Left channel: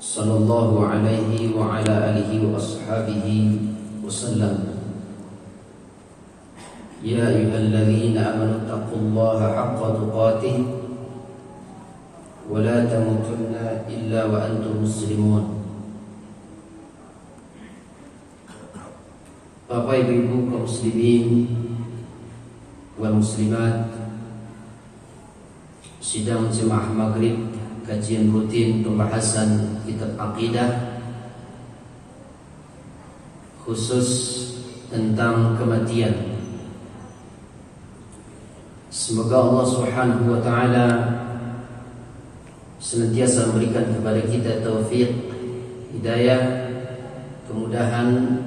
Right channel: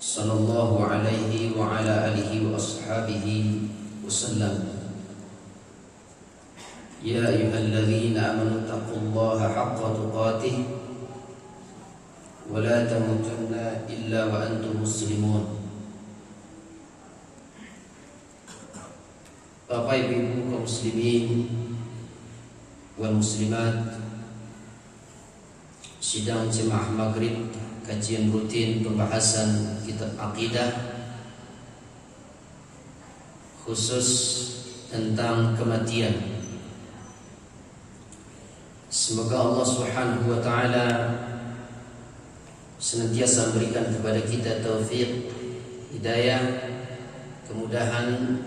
Sallallahu alaihi wa ala alihi wa ashabihi wasallam. Ya ayyuhalladzina amanu taqullaha haqqa tuqatih wa la tamutunna illa wa antum muslimun. Bapak Ibu kaum muslimin wal muslimat, sidang jemaah maghrib, kajian rutin pembahasan kitab akidah khusus tentang kematian. Semoga Allah Subhanahu wa taala senantiasa memberikan kepada kita taufik, hidayah, kemudahan,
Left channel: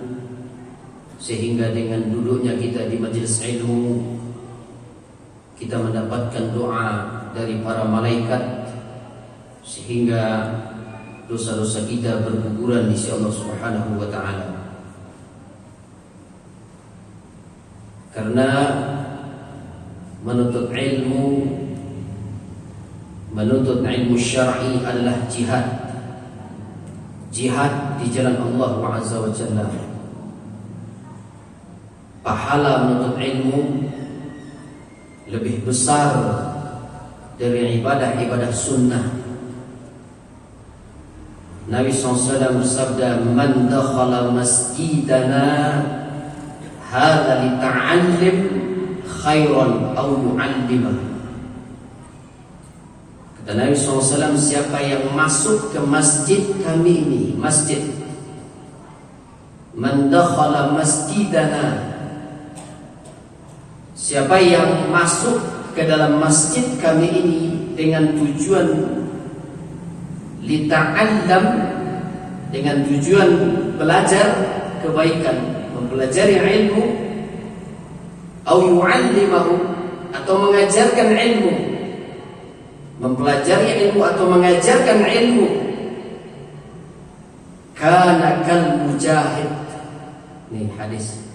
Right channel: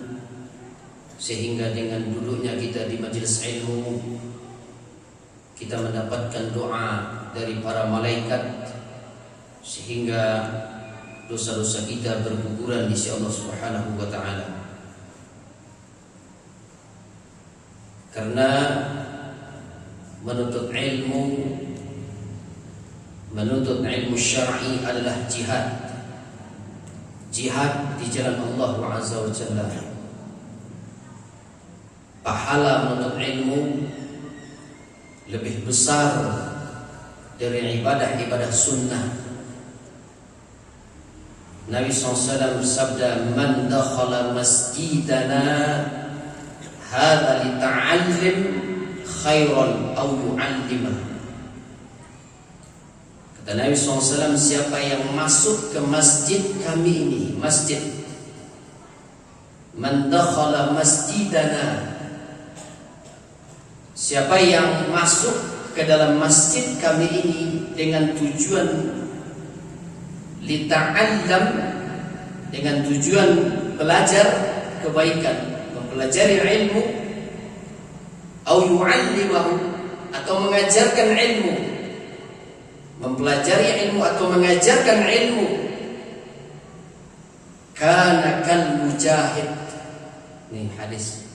sehingga dengan duduknya kita di majelis ilmu kita mendapatkan doa dari para malaikat, sehingga dosa-dosa kita berguguran di sisi Allah Subhanahu wa taala. Karena menuntut ilmu syar'i adalah jihad. Jihad di jalan Allah Azza wa Jalla. Pahala menuntut ilmu lebih besar dari ibadah-ibadah sunnah. Nabi SAW bersabda, "Man dakhala masjidana hadza lita'allim khairan aw yu'allimah." Kata Nabi SAW, siapa yang masuk ke masjid kami ini, masjid, man dakhala masjidana, siapa yang masuk ke dalam masjid kami ini dengan tujuan lita'allam, dengan tujuan belajar kebaikan, mempelajari ilmu, au yu'allimahu, atau mengajarkan ilmu, mempelajari ilmu atau mengajarkan ilmu, kana kal mujahid. Ini hadis.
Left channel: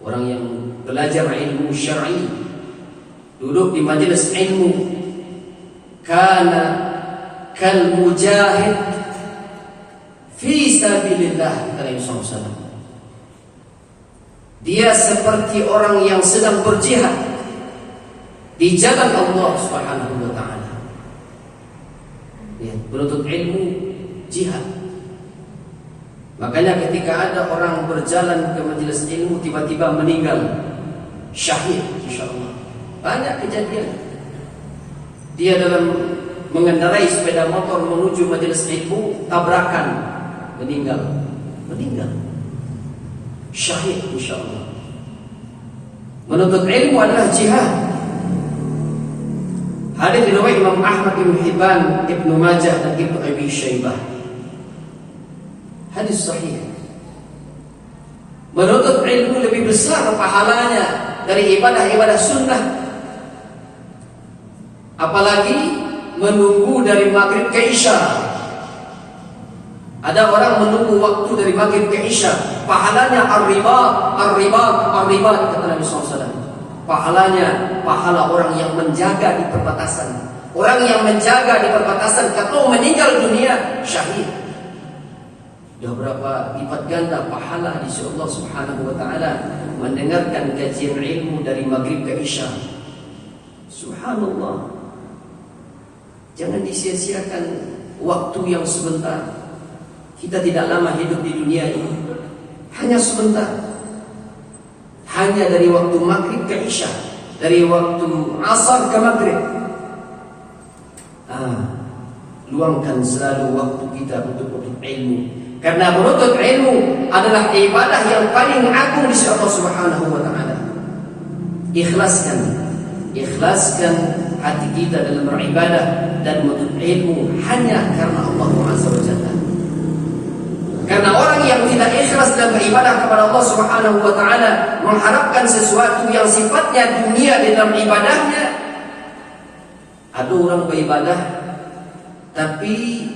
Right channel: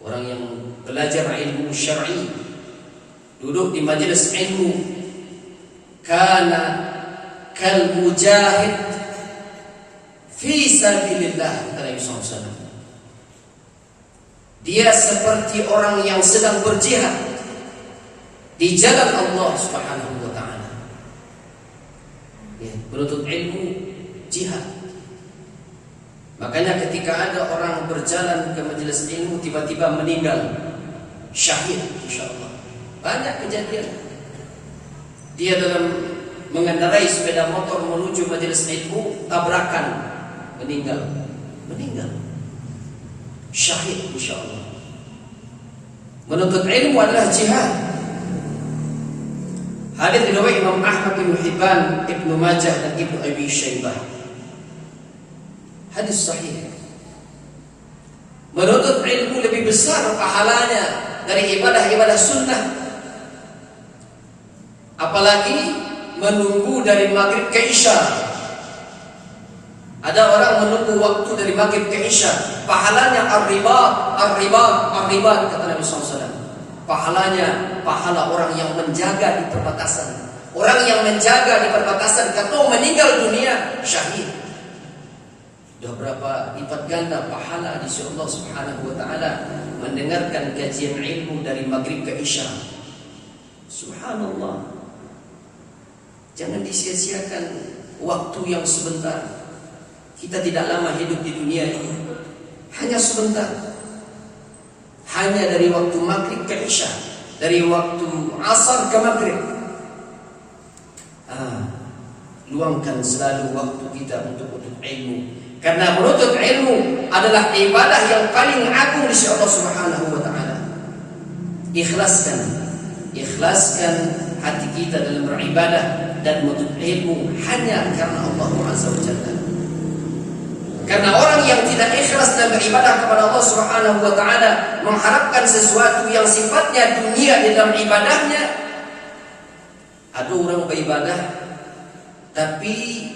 Orang yang belajar ilmu syar'i, duduk di majelis ilmu, kana kal mujahid fi sabilillah, kata Nabi SAW. Dia seperti orang yang sedang berjihad di jalan Allah Subhanahu wa taala. Ya, menuntut ilmu jihad. Makanya ketika ada orang berjalan ke majelis ilmu tiba-tiba meninggal syahid, insyaallah. Banyak kejadian. Dia dalam mengendarai sepeda motor menuju majelis ilmu, tabrakan, meninggal syahid, insyaallah. Menuntut ilmu adalah jihad. Hadis riwayat Imam Ahmad, Ibnu Hibban, Ibnu Majah, dan Ibnu Abi Syaibah. Hadis sahih. Menuntut ilmu lebih besar pahalanya dari ibadah-ibadah sunnah. Apalagi menunggu dari maghrib ke isya. Ada orang menunggu waktu dari maghrib ke isya, pahalanya ar-ribat, kata Nabi SAW. Pahalanya pahala orang yang menjaga di perbatasan. Orang yang menjaga di perbatasan, kalau meninggal dunia syahid. Sudah berapa lipat ganda pahala di sisi Allah Subhanahu wa taala mendengarkan kajian ilmu dari maghrib ke isya. Subhanallah. Jangan disia-siakan waktu yang sebentar. Kita tidak lama hidup di dunia ini, hanya sebentar. Hanya dari waktu maghrib ke isya, dari waktu asar ke maghrib. Luangkan selalu waktu kita untuk menuntut ilmu. Karena menuntut ilmu adalah ibadah yang paling agung di sisi Allah Subhanahu wa taala. Ikhlaskan hati kita dalam beribadah dan menuntut ilmu hanya karena Allah Azza wa Jalla. Karena orang yang tidak ikhlas dalam beribadah kepada Allah Subhanahu wa taala, mengharapkan sesuatu yang sifatnya dunia di dalam ibadahnya. Ada orang beribadah tapi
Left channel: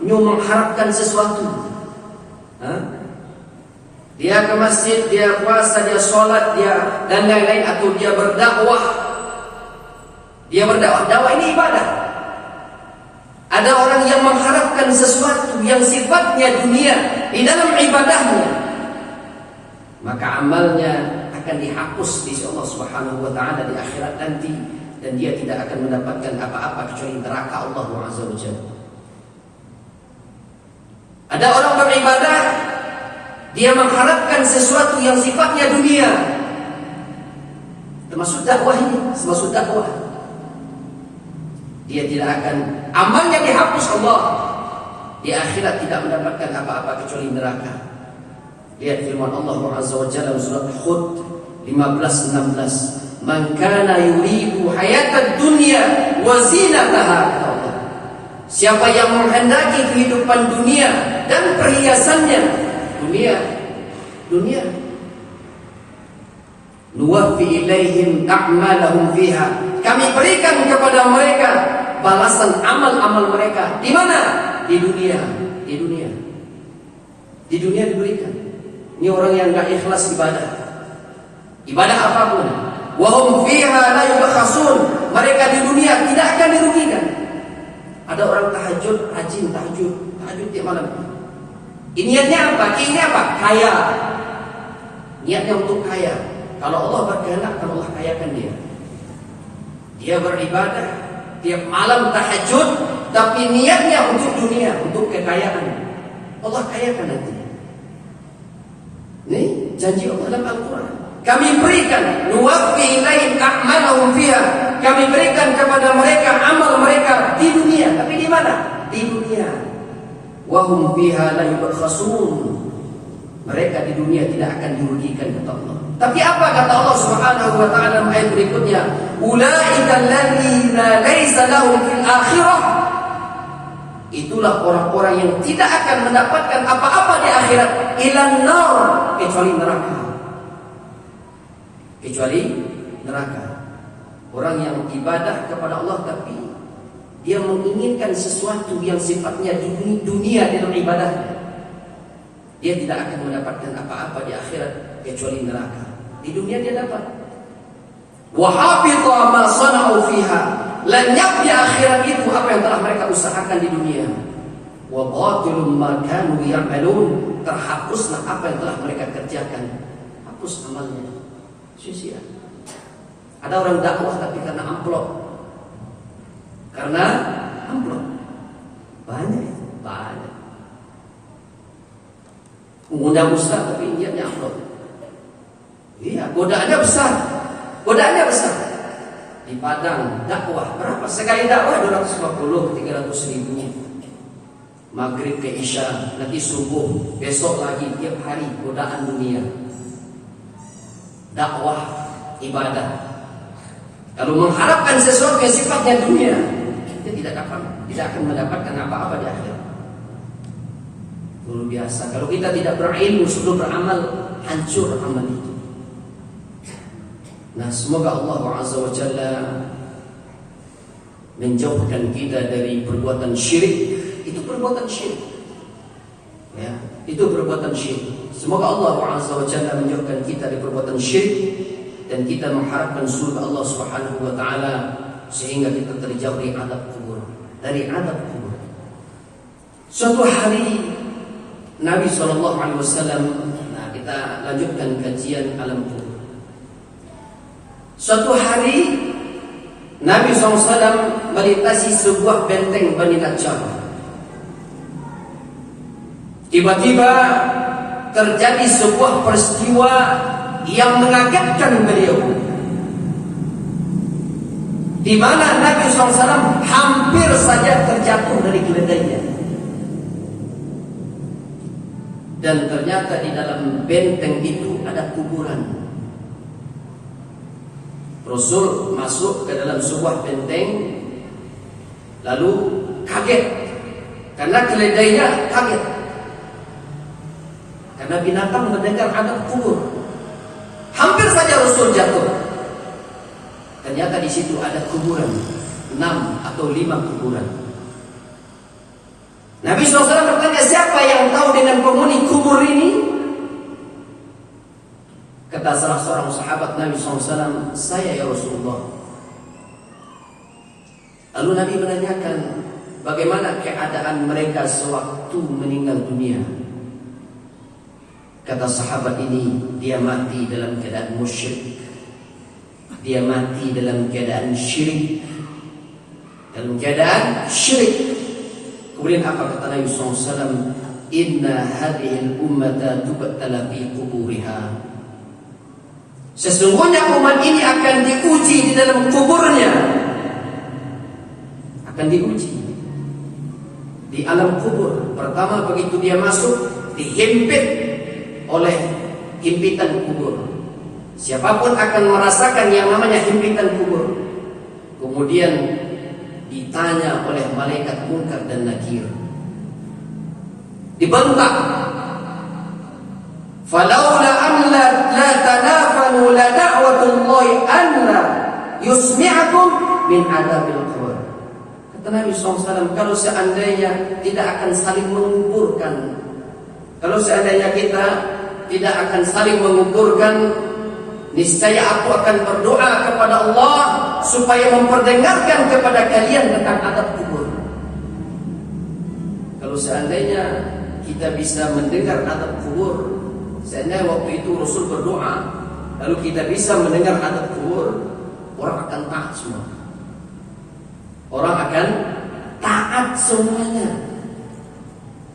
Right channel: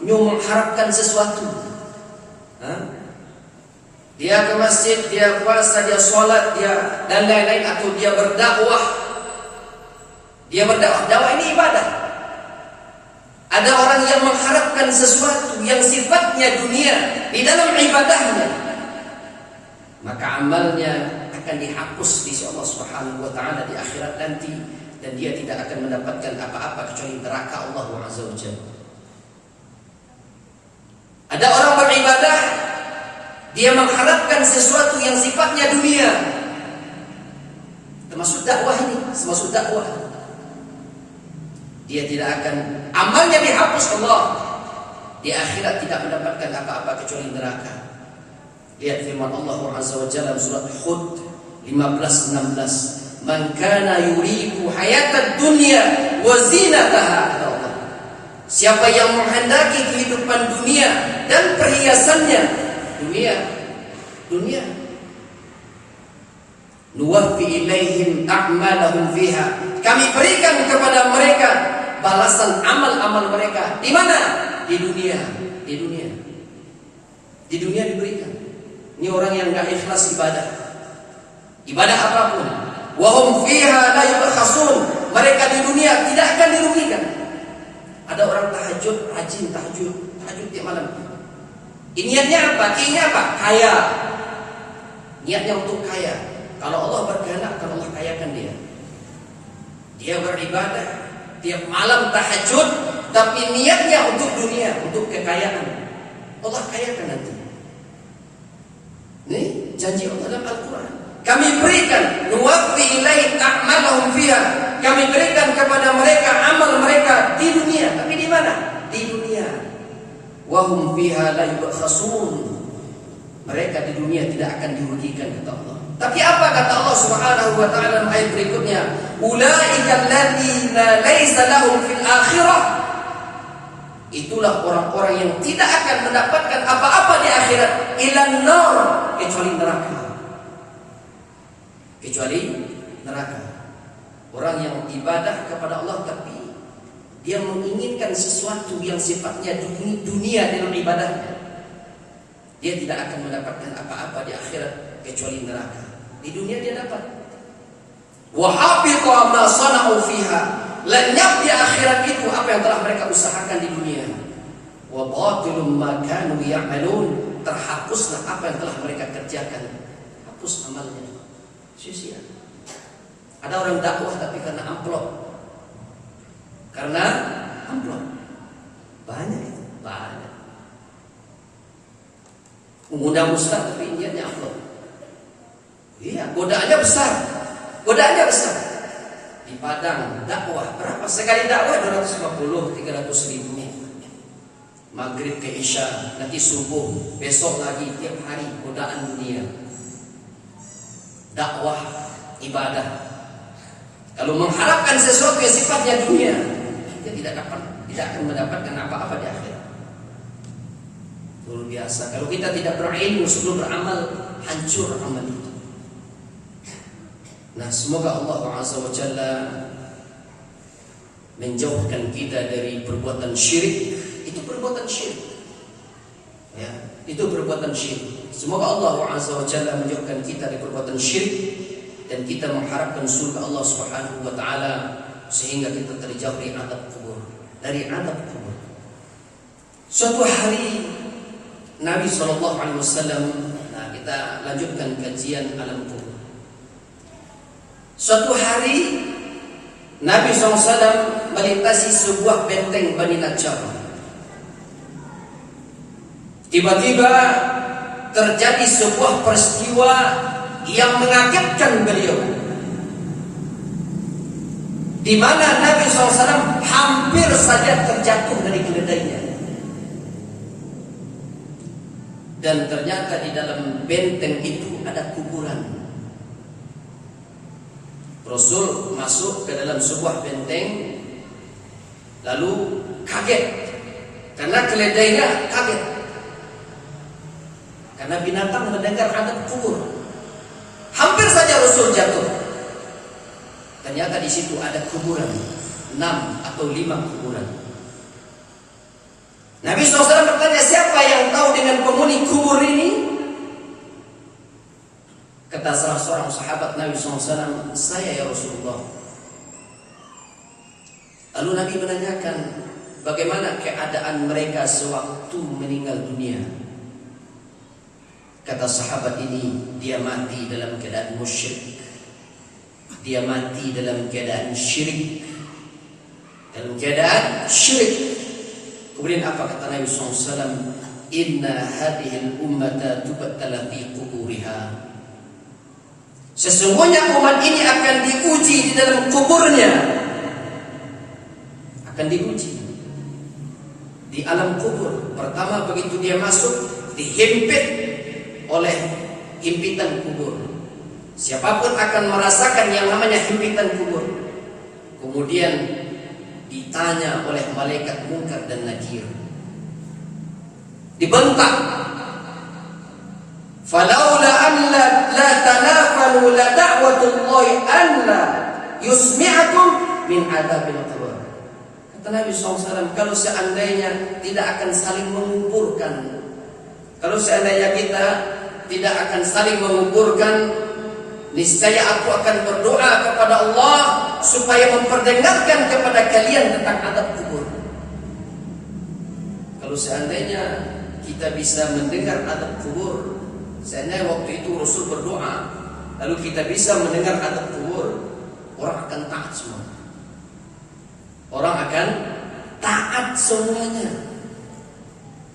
mengharapkan sesuatu. Dia ke masjid, dia puasa, dia sholat, dia dan lain-lain, atau dia berdakwah. Dakwah ini ibadah. Ada orang yang mengharapkan sesuatu yang sifatnya dunia di dalam ibadahnya, maka amalnya akan dihapus di sisi Allah Subhanahu wa taala di akhirat nanti, dan dia tidak akan mendapatkan apa-apa kecuali neraka Allah Azza wa Jalla. Ada orang beribadah, dia mengharapkan sesuatu yang sifatnya dunia. Termasuk dakwah ini, termasuk dakwah. Dia tidak akan, amalnya dihapus Allah. Di akhirat tidak mendapatkan apa-apa kecuali neraka. Lihat firman Allah Azza wa Jalla surat Hud 15-16. Man kana yuridu hayatad dunya wa zinataha, kata Allah. Siapa yang menghendaki kehidupan dunia dan perhiasannya, dunia, nuwaffi ilaihim a'malahum fiha. Kami berikan kepada mereka balasan amal-amal mereka. Di mana? Di dunia. Di dunia diberikan. Ini orang yang enggak ikhlas ibadah apapun. Wa hum fiha la yubkhasun. Mereka di dunia tidak akan dirugikan. Ada orang tahajud, rajin tahajud tiap malam. Niatnya apa? Keinginannya apa? Kaya. Niatnya untuk kaya. Kalau Allah berkehendak, kalau Allah kayakan dia. Dia beribadah tiap malam tahajud, tapi niatnya untuk dunia, untuk kekayaan. Allah kayakan nanti. Ini janji Allah dalam Al-Quran. Kami berikan nuwaffi ilaihim a'malahum fiha. Kami berikan kepada mereka amal mereka di dunia. Tapi di mana? Di dunia. Wa hum fiha la yubkhasun. Mereka di dunia tidak akan dirugikan, kata Allah. Tapi apa kata Allah Subhanahu wa taala dalam ayat berikutnya? Ulaika alladziina laisa lahum fil akhirah. Itulah orang-orang yang tidak akan mendapatkan apa-apa di akhirat, ilan nar, kecuali neraka. Orang yang ibadah kepada Allah tapi dia menginginkan sesuatu yang sifatnya dunia dalam ibadahnya, dia tidak akan mendapatkan apa-apa di akhirat kecuali neraka. Di dunia dia dapat. Wa habita ma sana'u fiha. Lenyap di akhirat itu apa yang telah mereka usahakan di dunia. Wa batilum ma kanu ya'malun. Terhapuslah apa yang telah mereka kerjakan. Hapus amalnya. Sia-sia. Ada orang dakwah tapi karena amplop. Banyak. Mengundang ustaz tapi niatnya amplop. Iya, godaannya besar. Di Padang dakwah berapa sekali dakwah? 250, 300 ribu. Maghrib ke Isya, nanti subuh, besok lagi, tiap hari godaan dunia. Dakwah, ibadah. Kalau mengharapkan sesuatu yang sifatnya dunia, dia tidak akan mendapatkan apa-apa di akhirat. Luar biasa. Kalau kita tidak berilmu sebelum beramal, hancur amal itu. Nah, semoga Allah Azza wa Jalla menjauhkan kita dari perbuatan syirik. Itu perbuatan syirik. Ya, itu perbuatan syirik. Semoga Allah Azza wa Jalla menjauhkan kita dari perbuatan syirik dan kita mengharapkan surga Allah Subhanahu wa taala sehingga kita terjauh dari azab kubur. Suatu hari Nabi SAW, nah kita lanjutkan kajian alam kubur. Suatu hari Nabi SAW melintasi sebuah benteng Bani Najjar. Tiba-tiba terjadi sebuah peristiwa yang mengagetkan beliau, di mana Nabi SAW hampir saja terjatuh dari keledainya. Dan ternyata di dalam benteng itu ada kuburan. Rasul masuk ke dalam sebuah benteng, lalu kaget karena keledainya kaget, karena binatang mendengar adab kubur. Hampir saja Rasul jatuh. Ternyata di situ ada kuburan, 6 atau 5 kuburan. Nabi SAW bertanya, siapa yang tahu dengan penghuni kubur ini? Kata salah seorang sahabat Nabi SAW, saya ya Rasulullah. Lalu Nabi menanyakan, bagaimana keadaan mereka sewaktu meninggal dunia. Kata sahabat ini, dia mati dalam keadaan musyrik, dia mati dalam keadaan syirik, dalam keadaan syirik. Kemudian apa kata Nabi SAW? Inna hadhil ummata tubtala fi quburiha. Sesungguhnya umat ini akan diuji di dalam kuburnya. Akan diuji di alam kubur. Pertama begitu dia masuk, dihimpit oleh himpitan kubur. Siapapun akan merasakan yang namanya himpitan kubur. Kemudian ditanya oleh malaikat Munkar dan Nakir, dibentak, falaula an la tanafanu la da'watullahi an la yusmi'akum min adabil qabr. Kata Nabi SAW, kalau seandainya tidak akan saling menguburkan, kalau seandainya kita tidak akan saling menguburkan, niscaya aku akan berdoa kepada Allah supaya memperdengarkan kepada kalian tentang adab kubur. Kalau seandainya kita bisa mendengar adab kubur, seandainya waktu itu Rasul berdoa, lalu kita bisa mendengar adab kubur, orang akan taat semua. Orang akan taat semuanya.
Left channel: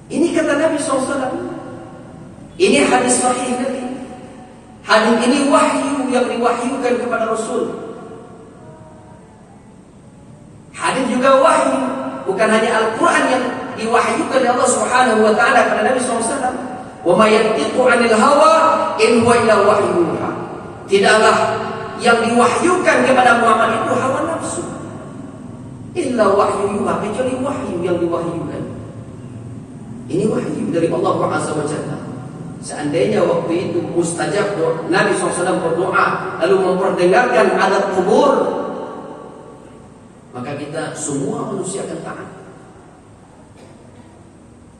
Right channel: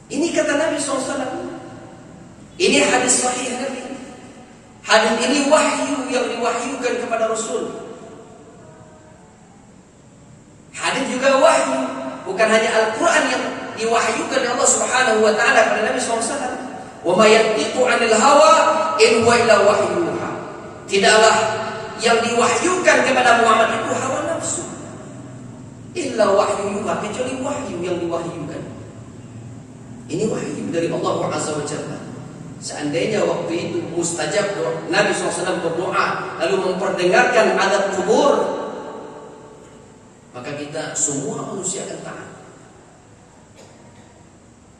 Ini kata Nabi SAW. Ini hadis sahih Nabi. Hadis ini wahyu yang diwahyukan kepada Rasul. Hadis juga wahyu, bukan hanya Al-Quran yang diwahyukan oleh Allah Subhanahu wa taala kepada Nabi SAW. Wa may yantiqu 'anil hawa in huwa illa wahyun yuha. Tidaklah yang diwahyukan kepada Muhammad itu hawa nafsu, illa wahyu yuha, kecuali wahyu yang diwahyukan. Ini wahyu dari Allah Azza wa Jalla. Seandainya waktu itu mustajab Nabi SAW berdoa lalu memperdengarkan adab kubur, maka kita semua manusia akan taat.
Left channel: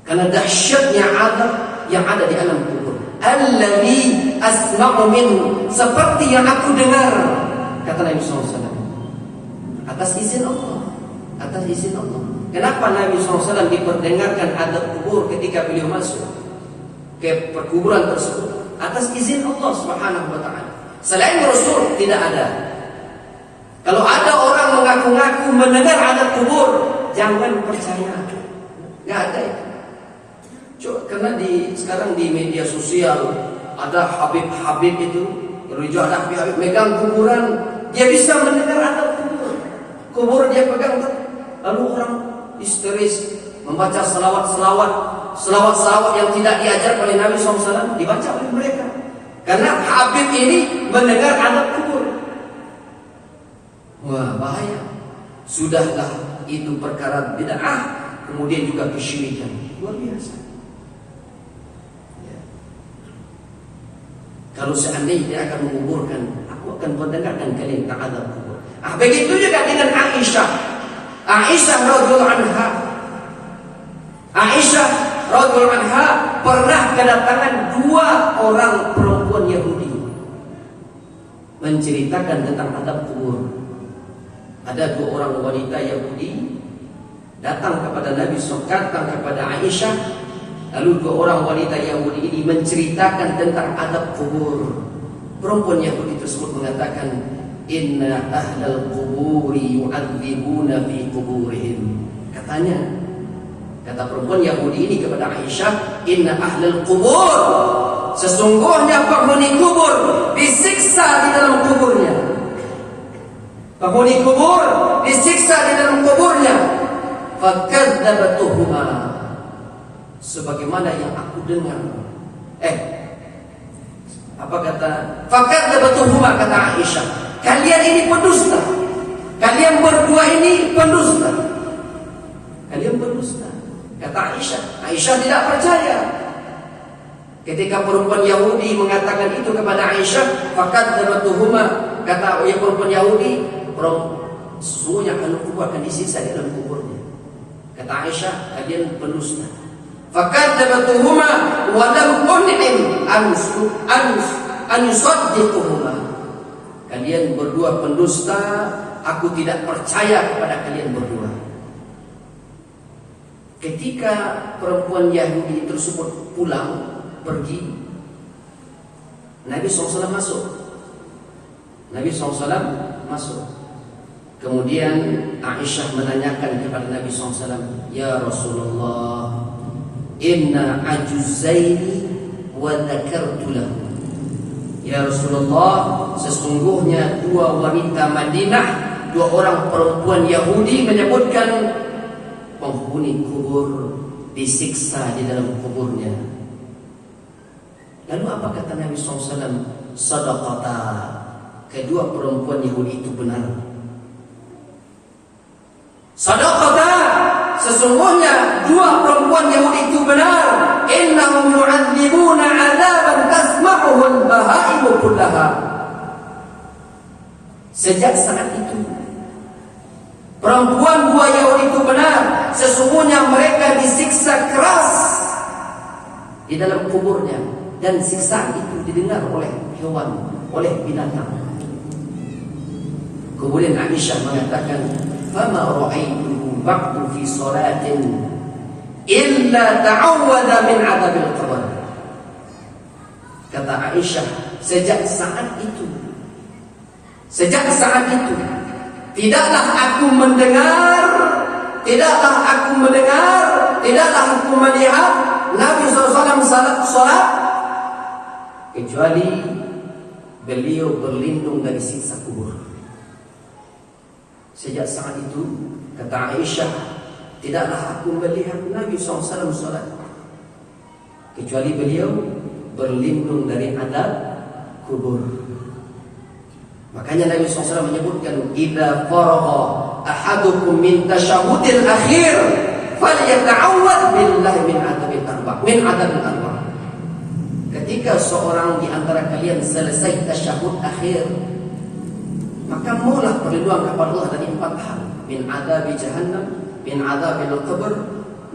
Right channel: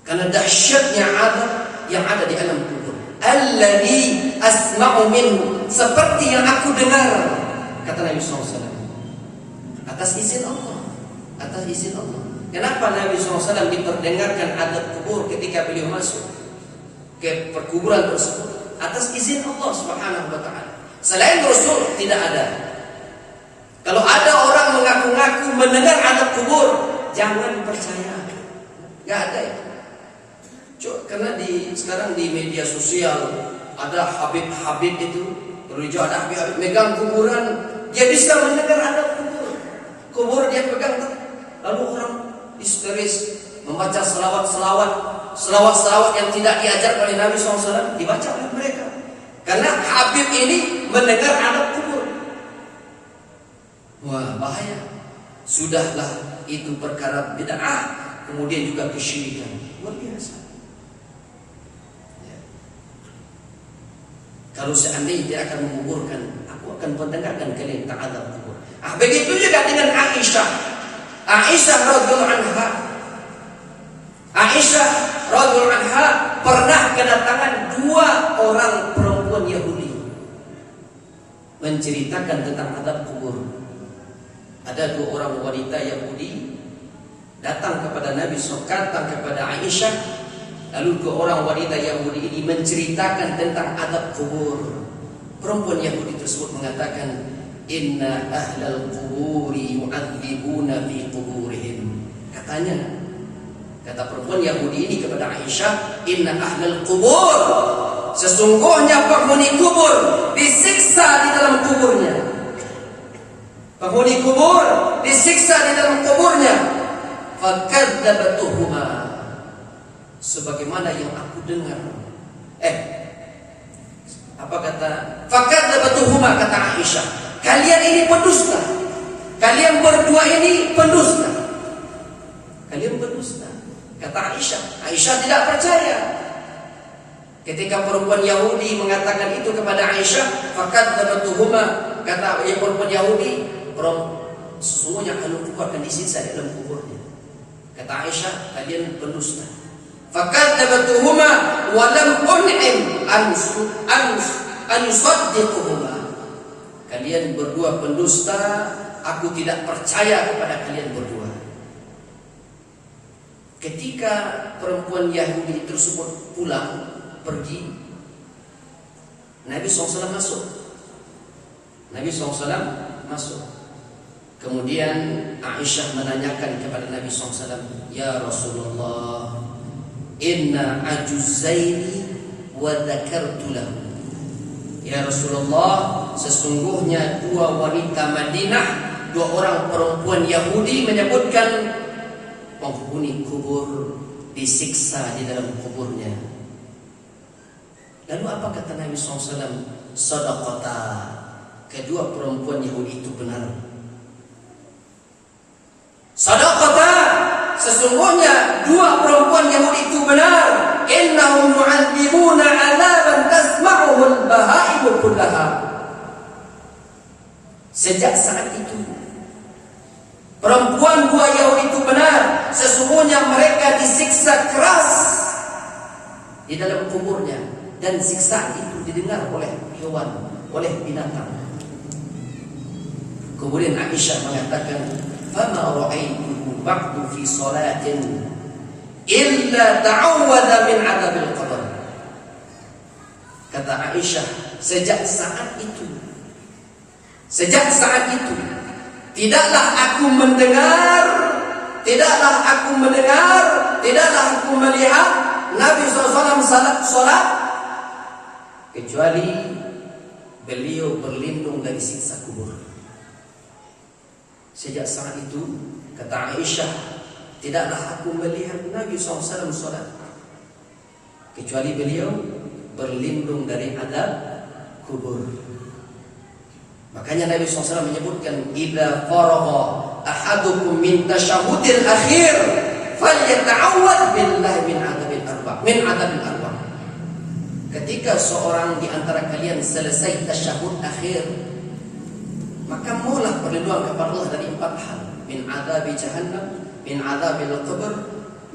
Karena dahsyatnya adab yang ada di alam kubur. Alladzi asma'u minhu, seperti yang aku dengar, kata Nabi SAW. Atas izin Allah. Atas izin Allah. Kenapa Nabi SAW diperdengarkan adab kubur ketika beliau masuk ke perkuburan tersebut? Atas izin Allah Subhanahu wa taala. Selain Rasul tidak ada. Kalau ada orang mengaku-ngaku mendengar adab kubur, jangan percaya. Enggak ada itu. Karena sekarang di media sosial ada Habib-Habib itu, kalau ada Habib-Habib megang kuburan, dia bisa mendengar adab kubur. Kubur dia pegang, lalu orang histeris membaca selawat yang tidak diajar oleh Nabi SAW dibaca oleh mereka. Karena Habib ini mendengar adab kubur. Wah, bahaya. Sudahlah itu perkara bid'ah, kemudian juga kesyirikan. Luar biasa. Ya. Kalau seandainya dia akan menguburkan, aku akan mendengarkan kalian tentang adab kubur. Begitu juga dengan Aisyah. Aisyah radhiyallahu anha. Aisyah radhiyallahu anha pernah kedatangan 2 orang perempuan Yahudi menceritakan tentang adab kubur. Ada 2 orang wanita Yahudi datang kepada Nabi SAW, datang kepada Aisyah, lalu 2 orang wanita Yahudi ini menceritakan tentang adab kubur. Perempuan Yahudi tersebut mengatakan, inna ahlal quburi yu'adzibuna fi quburihim. Katanya, kata perempuan Yahudi ini kepada Aisyah, inna ahlal qubur, sesungguhnya penghuni kubur disiksa di dalam kuburnya. Penghuni kubur disiksa di dalam kuburnya. Fakadzabatuhuma, sebagaimana yang aku dengar. Apa kata? Fakadzabatuhuma, kata Aisyah, kalian ini pendusta. Kalian berdua ini pendusta. Kalian pendusta, kata Aisyah. Aisyah tidak percaya. Ketika perempuan Yahudi mengatakan itu kepada Aisyah, fakadzabatuhuma, kata perempuan Yahudi, sesungguhnya kalau kubur akan disiksa di dalam kuburnya. Kata Aisyah, kalian pendusta. Fakadzabatuhuma wa lam un'im an yusaddiquhuma. Kalian berdua pendusta, aku tidak percaya kepada kalian berdua. Ketika perempuan Yahudi tersebut pulang pergi, Nabi SAW masuk. Nabi SAW masuk. Kemudian Aisyah menanyakan kepada Nabi SAW, "Ya Rasulullah, inna ajuzaini wa dzakartu lahu." Ya Rasulullah, sesungguhnya dua wanita Madinah, dua orang perempuan Yahudi menyebutkan penghuni kubur disiksa di dalam kuburnya. Lalu apa kata Nabi SAW? Sadaqata. Kedua perempuan Yahudi itu benar. Sadaqata. Sesungguhnya dua perempuan Yahudi itu benar. Innahum yu'adzibuna 'adzaban tasma'uhu al-bahaimu kullaha. Sejak saat itu perempuan dua Yahudi itu benar. Sesungguhnya mereka disiksa keras di dalam kuburnya, dan siksaan itu didengar oleh hewan, oleh binatang. Kemudian Aisyah mengatakan, "Fama ra'aituhu ba'du fi salatin illa ta'awwadha min 'adzabil qabr." Kata Aisyah, sejak saat itu tidaklah aku mendengar, tidaklah aku melihat Nabi SAW salat kecuali beliau berlindung dari siksa kubur. Sejak saat itu, kata Aisyah, tidaklah aku melihat Nabi SAW salat kecuali beliau berlindung dari azab kubur. Makanya Nabi SAW menyebutkan, "Idza faragha ahadukum min tasyahhudil akhir falyata'awwadz billahi min adzabil arba'." Ketika seorang di antara kalian selesai tasyahud akhir, maka maulah perlindungan kepada Allah dari 4 hal: min adzabi jahannam, min adzabil qabr,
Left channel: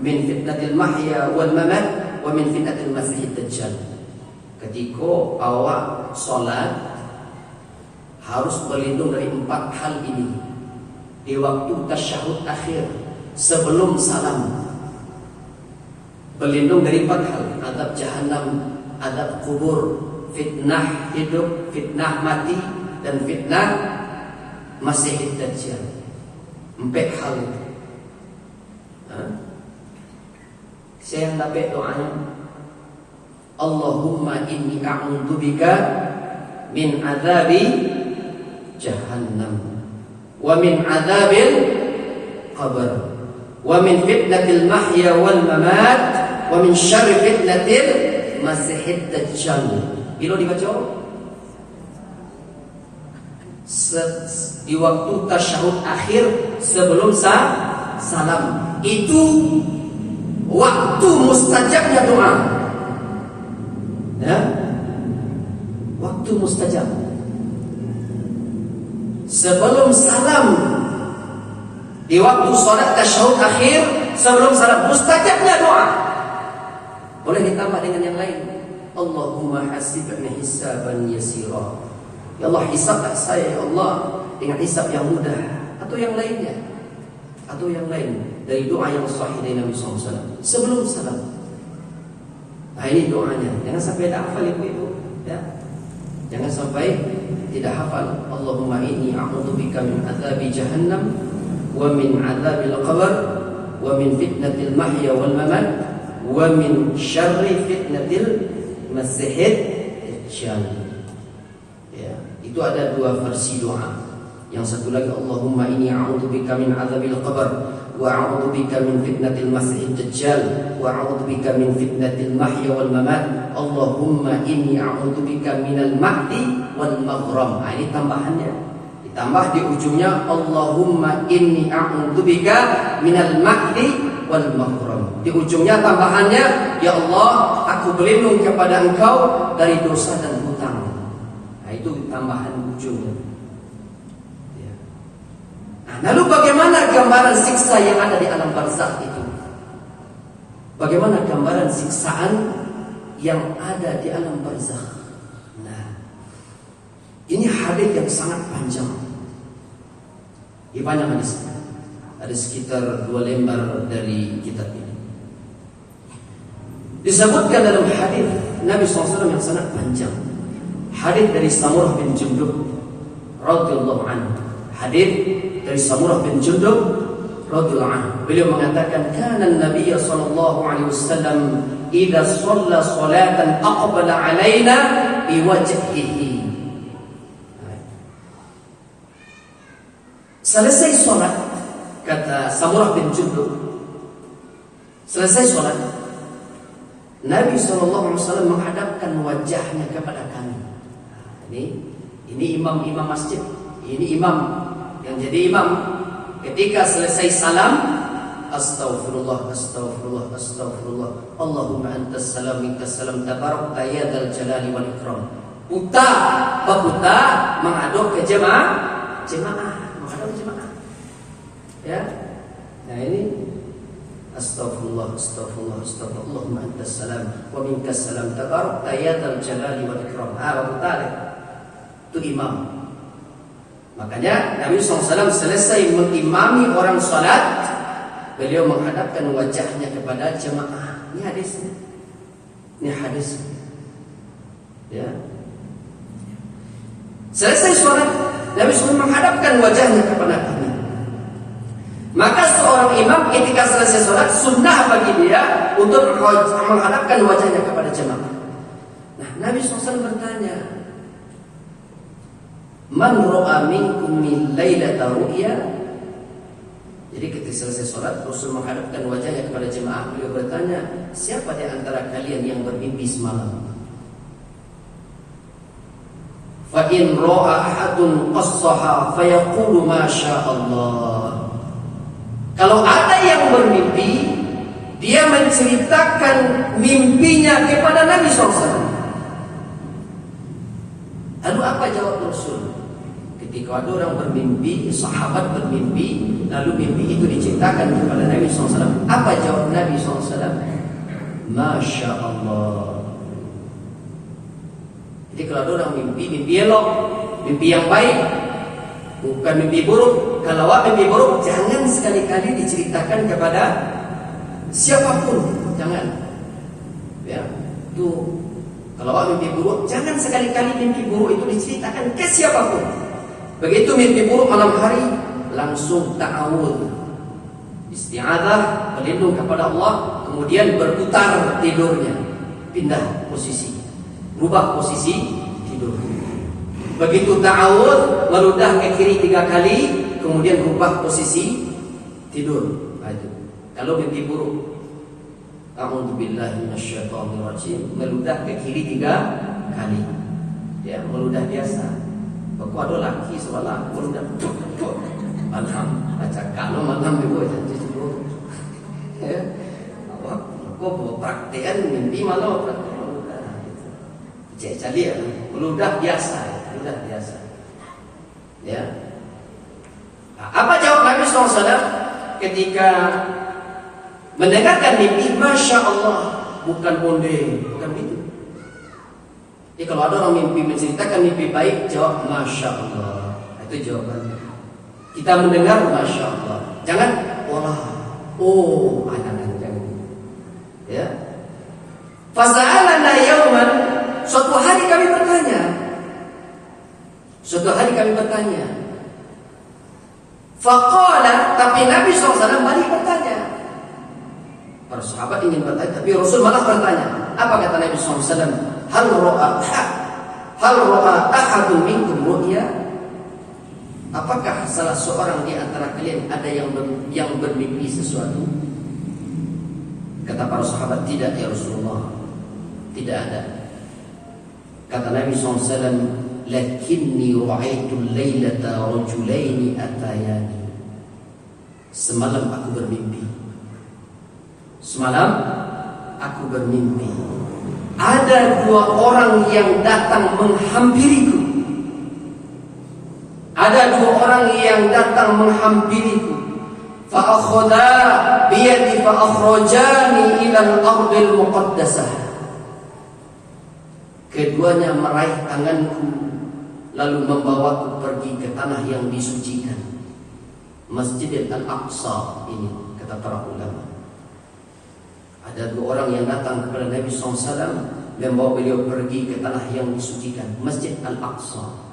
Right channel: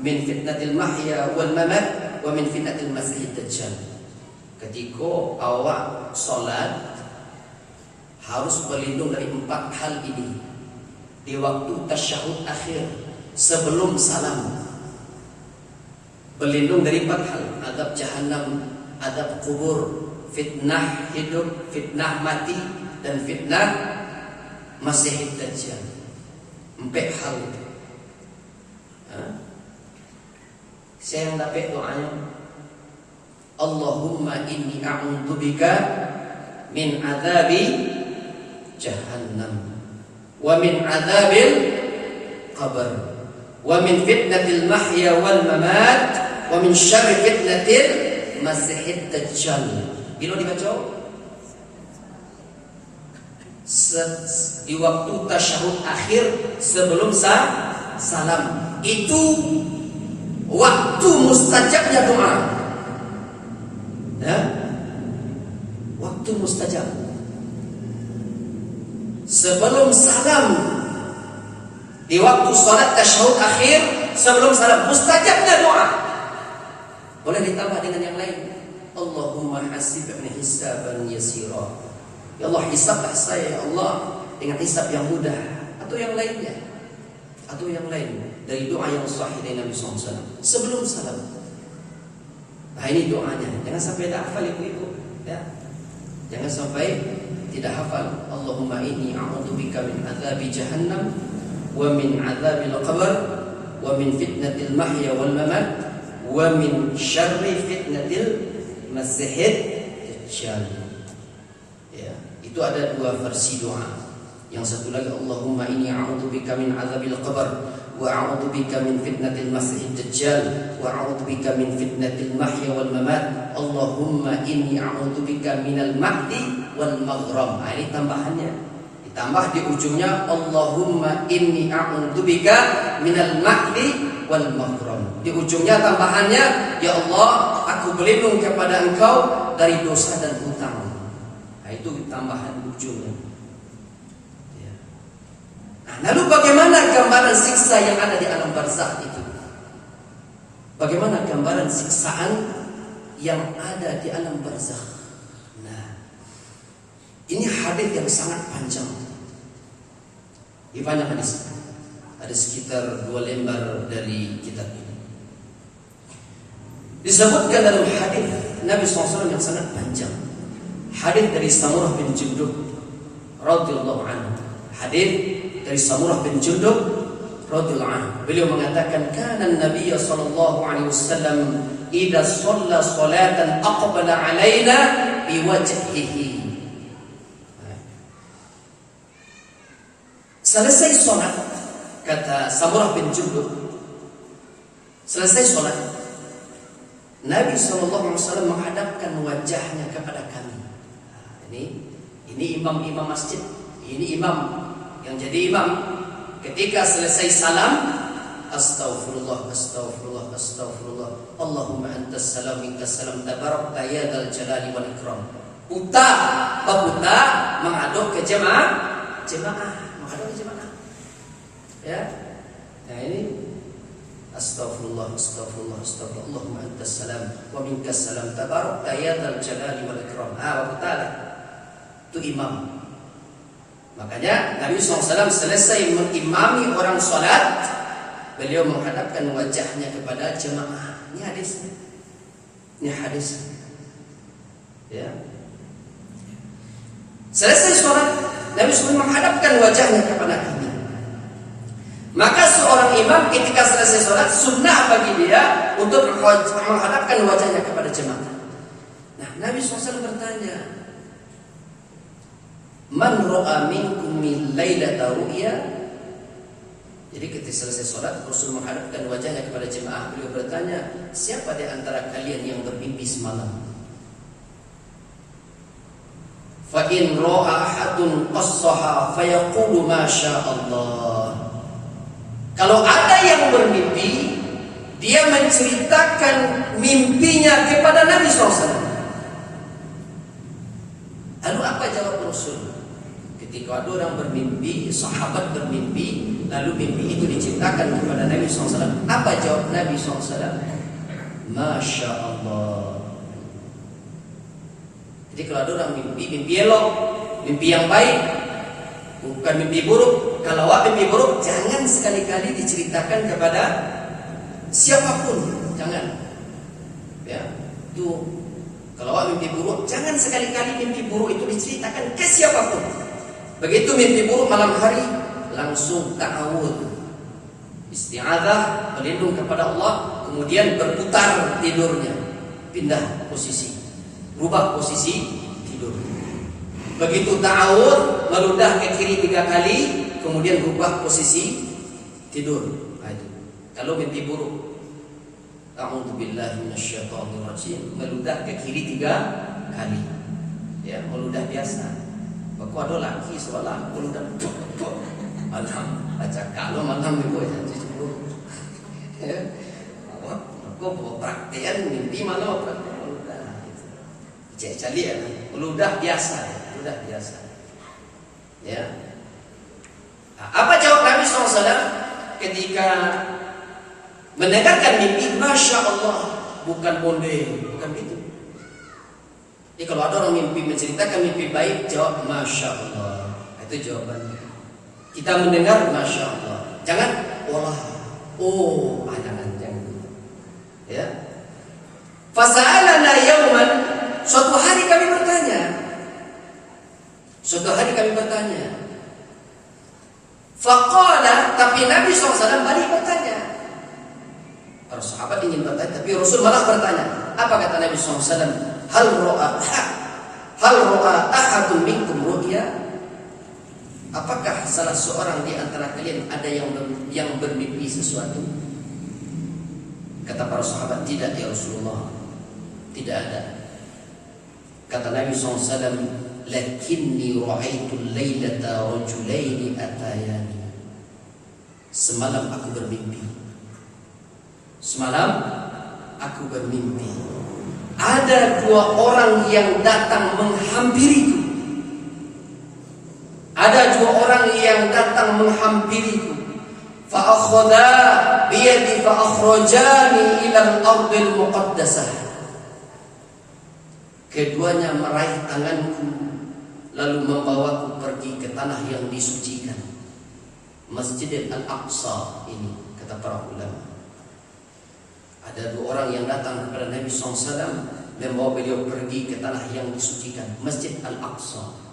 min fitnatil mahya wal mamat, wa min fitnatil masiihid dajjal. Ketika awak salat, harus berlindung dari 4 hal ini di waktu tasyahud akhir sebelum salam. Berlindung dari 4 hal: azab jahannam, azab kubur, fitnah hidup, fitnah mati, dan fitnah masiihid dajjal. 4 hal itu. Saya dapat doanya, Allahumma inni a'udzubika min azabi jahannam, wa min azabil qabr, wa min fitnatil mahya wal mamat, wa min syarri fitnatil masiihid dajjal. Bila dibaca di waktu tasyahud akhir sebelum salam, itu waktu mustajabnya doa. Ya? Waktu mustajab. Sebelum salam, di waktu salat tasyahud akhir sebelum salam, mustajabnya doa. Boleh ditambah dengan yang lain. Allahumma hasibni hisaban yasira. Ya Allah, hisablah saya ya Allah dengan hisab yang mudah, atau yang lainnya, atau yang lain dari doa yang sahih dari Nabi SAW sebelum salam. Nah, ini doanya. Jangan sampai tak hafal ibu-ibu, ya. Jangan sampai tidak hafal. Allahumma inni a'udzubika min azabi jahannam, wa min azabil qabr, wa min fitnatil mahya wal mamat, wa min syarri fitnatil masiihid dajjal. Ya, itu ada 2 versi doa. Yang satu lagi, Allahumma inni a'udzubika min azabil qabr, wa a'udzubika min fitnatil masiihid dajjal, wa a'udzubika min fitnatil mahya wal mamat. Allahumma inni a'udzubika minal mahdi wal maghram. Nah, ini tambahannya. Ditambah di ujungnya, Allahumma inni a'udzubika minal mahdi wal maghram. Di ujungnya tambahannya, ya Allah, aku berlindung kepada Engkau dari dosa dan hutang. Nah, itu tambahan ujungnya. Ya. Nah, lalu bagaimana gambaran siksa yang ada di alam barzakh itu? Bagaimana gambaran siksaan yang ada di alam barzakh? Nah, ini hadis yang sangat panjang. Ini banyak hadis. Ada sekitar 2 lembar dari kitab ini. Disebutkan dalam hadis Nabi SAW yang sangat panjang. Hadis dari Samurah bin Jundub radhiyallahu anhu. Hadis dari Samurah bin Jundub radhiyallahu anhu. Beliau mengatakan, "Kana Nabi sallallahu alaihi wasallam idza shalla salatan aqbala alaina biwajhihi." Selesai sholat, kata Samurah bin Jundub, selesai sholat, Nabi SAW menghadapkan wajahnya kepada kami. Ini imam masjid, ini imam yang jadi imam. Ketika selesai salam, astaghfirullah, astaghfirullah, astaghfirullah. Allahumma antas salam, minkas salam, tabarakta ya dzal jalali wal ikram. Baputa mengaduk ke jemaah, menghadap ke jemaah. Ya. Nah ini astaghfirullah, astaghfirullah, astaghfirullah. Allahumma antas salam wa minkas salam, tabarakta ya dzal jalali wal ikram. Baputa itu imam. Makanya Nabi SAW selesai mengimami orang salat, beliau menghadapkan wajahnya kepada jemaah. Ini hadis. Ini hadis. Ya. Selesai salat, Nabi SAW menghadapkan wajahnya kepada kami. Maka seorang imam ketika selesai salat, sunnah bagi dia untuk menghadapkan wajahnya kepada jemaah. Nah, Nabi SAW bertanya, "Man ra'a minkum min lailata ru'ya?" Jadi ketika selesai sholat, Rasul menghadapkan wajahnya kepada jemaah. Beliau bertanya, siapa di antara kalian yang bermimpi semalam? Fa in ra'a ahadun qassaha fayaqulu ma Allah. Kalau ada yang bermimpi, dia menceritakan mimpinya kepada Nabi SAW. Lalu apa jawab Rasul? Ketika ada orang bermimpi, sahabat bermimpi, lalu mimpi itu diceritakan kepada Nabi SAW. Apa jawab Nabi SAW? Masya Allah. Jadi kalau ada orang mimpi elok, mimpi yang baik, bukan mimpi buruk. Kalau mimpi buruk, jangan sekali-kali diceritakan kepada siapapun. Jangan. Ya, itu kalau mimpi buruk, jangan sekali-kali mimpi buruk itu diceritakan ke siapapun. Begitu mimpi buruk malam hari, langsung ta'awud, isti'adzah, berlindung kepada Allah, kemudian berputar tidurnya, pindah posisi, rubah posisi tidur. Begitu ta'awud, meludah ke kiri 3 kali, kemudian rubah posisi tidur. Nah, itu. Kalau mimpi buruk, a'udzubillahi minasyaitonirrajim, meludah ke kiri 3 kali. Ya, meludah biasa. Aku ada laki seolah meludah. Malam baca kalau malam ibu janji dulu. Ya. Aku praktekan mimpi malam meludah. Jadi ya, meludah biasa, meludah biasa. Ya. Nah, apa jawab Nabi SAW ketika mendengarkan mimpi? Masya Allah, bukan bonde, bukan gitu. Jadi kalau ada orang mimpi menceritakan mimpi baik, jawab Masya Allah. Itu jawabannya. Kita mendengar Masya Allah. Jangan olah. Oh, anak-anak jangan. Ya. Fasa'alana yawman. Suatu hari kami bertanya. Faqala, tapi Nabi SAW balik bertanya. Para sahabat ingin bertanya, tapi Rasul malah bertanya. Apa kata Nabi SAW? Hal ro'a ahadun minkum ru'ya? Apakah salah seorang di antara kalian ada yang bermimpi sesuatu? Kata para sahabat, tidak ya Rasulullah, tidak ada. Kata Nabi SAW, lakinni ra'aitul laylata rajulaini atayani. Semalam aku bermimpi. Ada 2 orang yang datang menghampiriku. Fa akhadha bi yadi fa akhrajani ila al-ardil muqaddasah. Keduanya meraih tanganku lalu membawaku pergi ke tanah yang disucikan, Masjid Al-Aqsa ini, kata para ulama. Ada dua orang yang datang kepada Nabi SAW, membawa beliau pergi ke tanah yang disucikan, Masjid Al-Aqsa.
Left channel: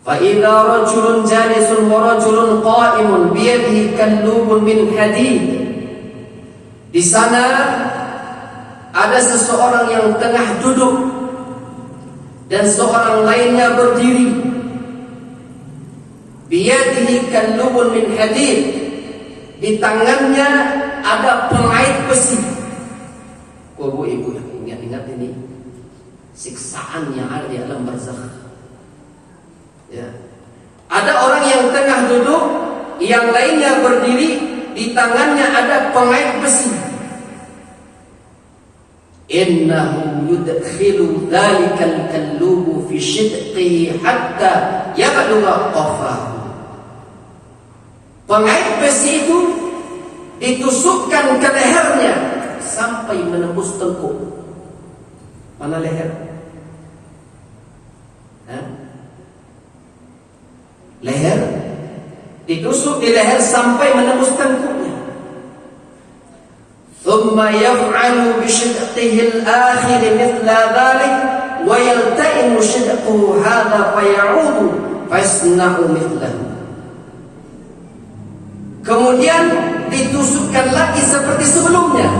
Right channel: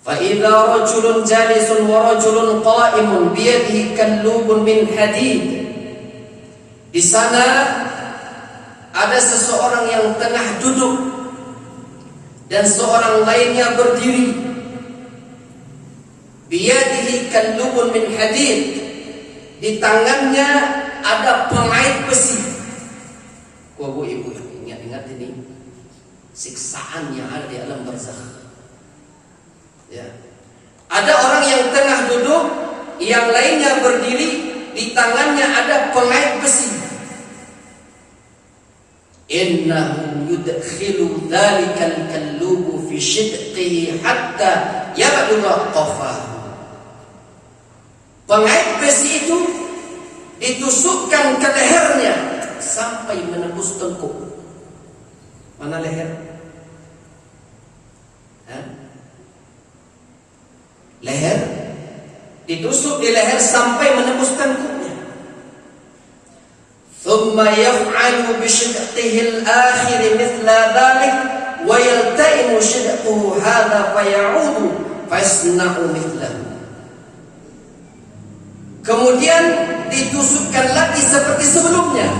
فَإِذَا رَجُلٌ جَالِسٌ وَرَجُلٌ قَائِمٌ بِيَدِهِ كَلُّوبٌ مِنْ حَدِيدٍ. Di sana ada seseorang yang tengah duduk dan seorang lainnya berdiri. Biyadihi kallubun min hadid. Di tangannya ada pengait besi. Bu ibu, ingat-ingat ini siksaan yang ada di alam barzakh. Ya. Ada orang yang tengah duduk, yang lainnya berdiri, di tangannya ada pengait besi. Innahu yudkhilu dhalikal kallubu fi shidqihi hatta yablugha qafahu. Pengait besi itu ditusukkan ke lehernya sampai menembus tengkuk. Mana leher? Leher ditusuk di leher sampai menembus tengkuknya. Thumma yaf'alu bi shidqihi al-akhir mithla dhalik wa yalta'imu shidquhu hadha faya'udu fasna'u mithlahu. Kemudian ditusukkan lagi seperti sebelumnya.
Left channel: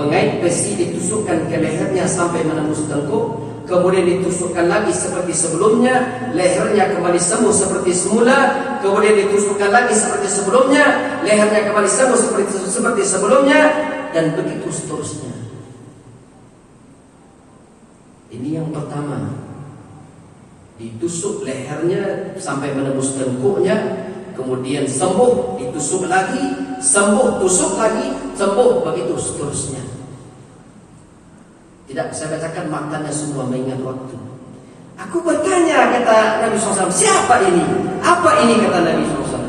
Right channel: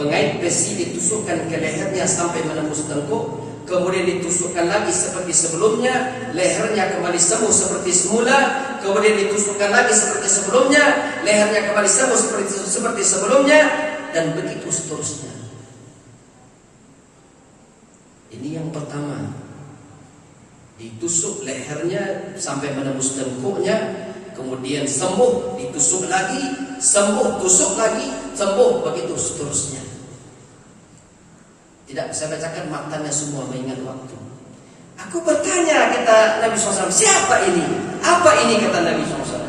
Pengait besi ditusukkan ke lehernya sampai menembus tengkuk. Kemudian ditusukkan lagi seperti sebelumnya, lehernya kembali sembuh seperti semula. Kemudian ditusukkan lagi seperti sebelumnya, lehernya kembali sembuh seperti sebelumnya, dan begitu seterusnya. Ini yang pertama, ditusuk lehernya sampai menembus tengkuknya, kemudian sembuh, ditusuk lagi, sembuh, tusuk lagi, sembuh, begitu seterusnya. Tidak saya bacakan matanya semua mengingat waktu. Aku bertanya, kata Nabi SAW, siapa ini? Apa ini, kata Nabi SAW?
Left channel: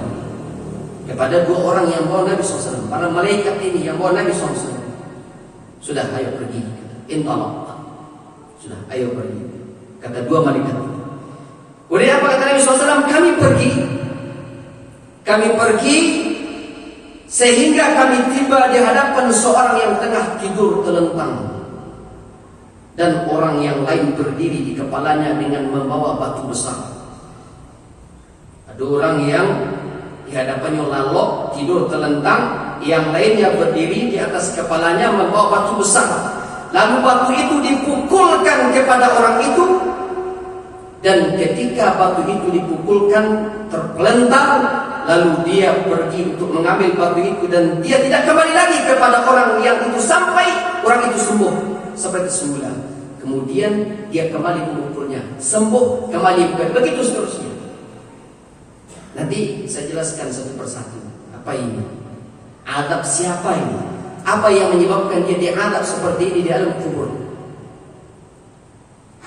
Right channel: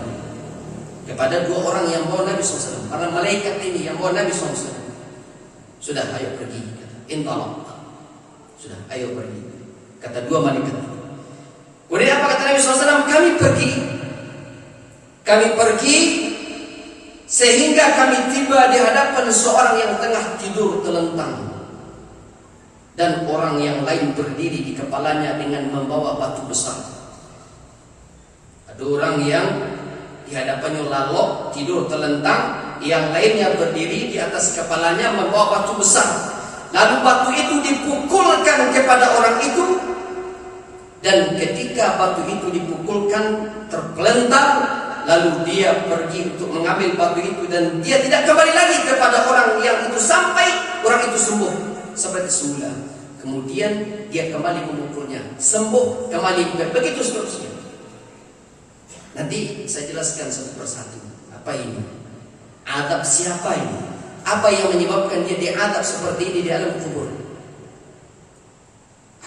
Kepada dua orang yang bawa Nabi SAW, para malaikat ini yang bawa Nabi SAW. Sudah, ayo pergi. Intalaq. Sudah, ayo pergi. Kata dua malaikat. Kemudian apa kata Nabi SAW? Kami pergi sehingga kami tiba di hadapan seorang yang tengah tidur telentang. Dan orang yang lain berdiri di kepalanya dengan membawa batu besar. Ada orang yang di hadapannya lalok, tidur telentang, yang lainnya berdiri di atas kepalanya membawa batu besar. Lalu batu itu dipukulkan kepada orang itu, dan ketika batu itu dipukulkan terpelentar, lalu dia pergi untuk mengambil batu itu, dan dia tidak kembali lagi kepada orang yang itu sampai orang itu sembuh seperti semula. Kemudian dia kembali memukulnya, sembuh, kembali, begitu seterusnya. Nanti saya jelaskan satu persatu. Apa ini? Adab siapa ini? Apa yang menyebabkan dia diadab seperti ini di alam kubur?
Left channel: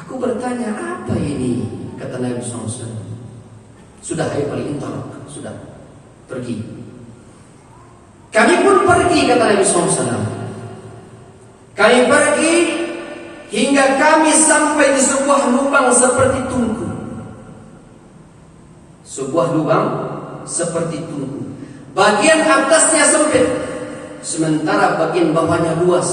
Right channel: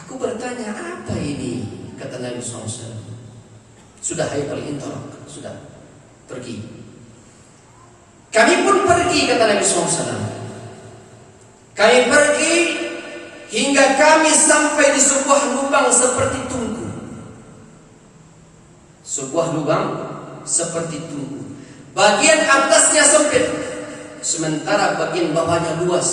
Aku bertanya, apa ini? Kata Nabi SAW. Sudah, ayo paling intolak. Sudah, pergi. Kami pun pergi, kata Nabi SAW. Kami pergi hingga kami sampai di sebuah lubang seperti tungku. Sebuah lubang seperti tungku. Bagian atasnya sempit, sementara bagian bawahnya luas.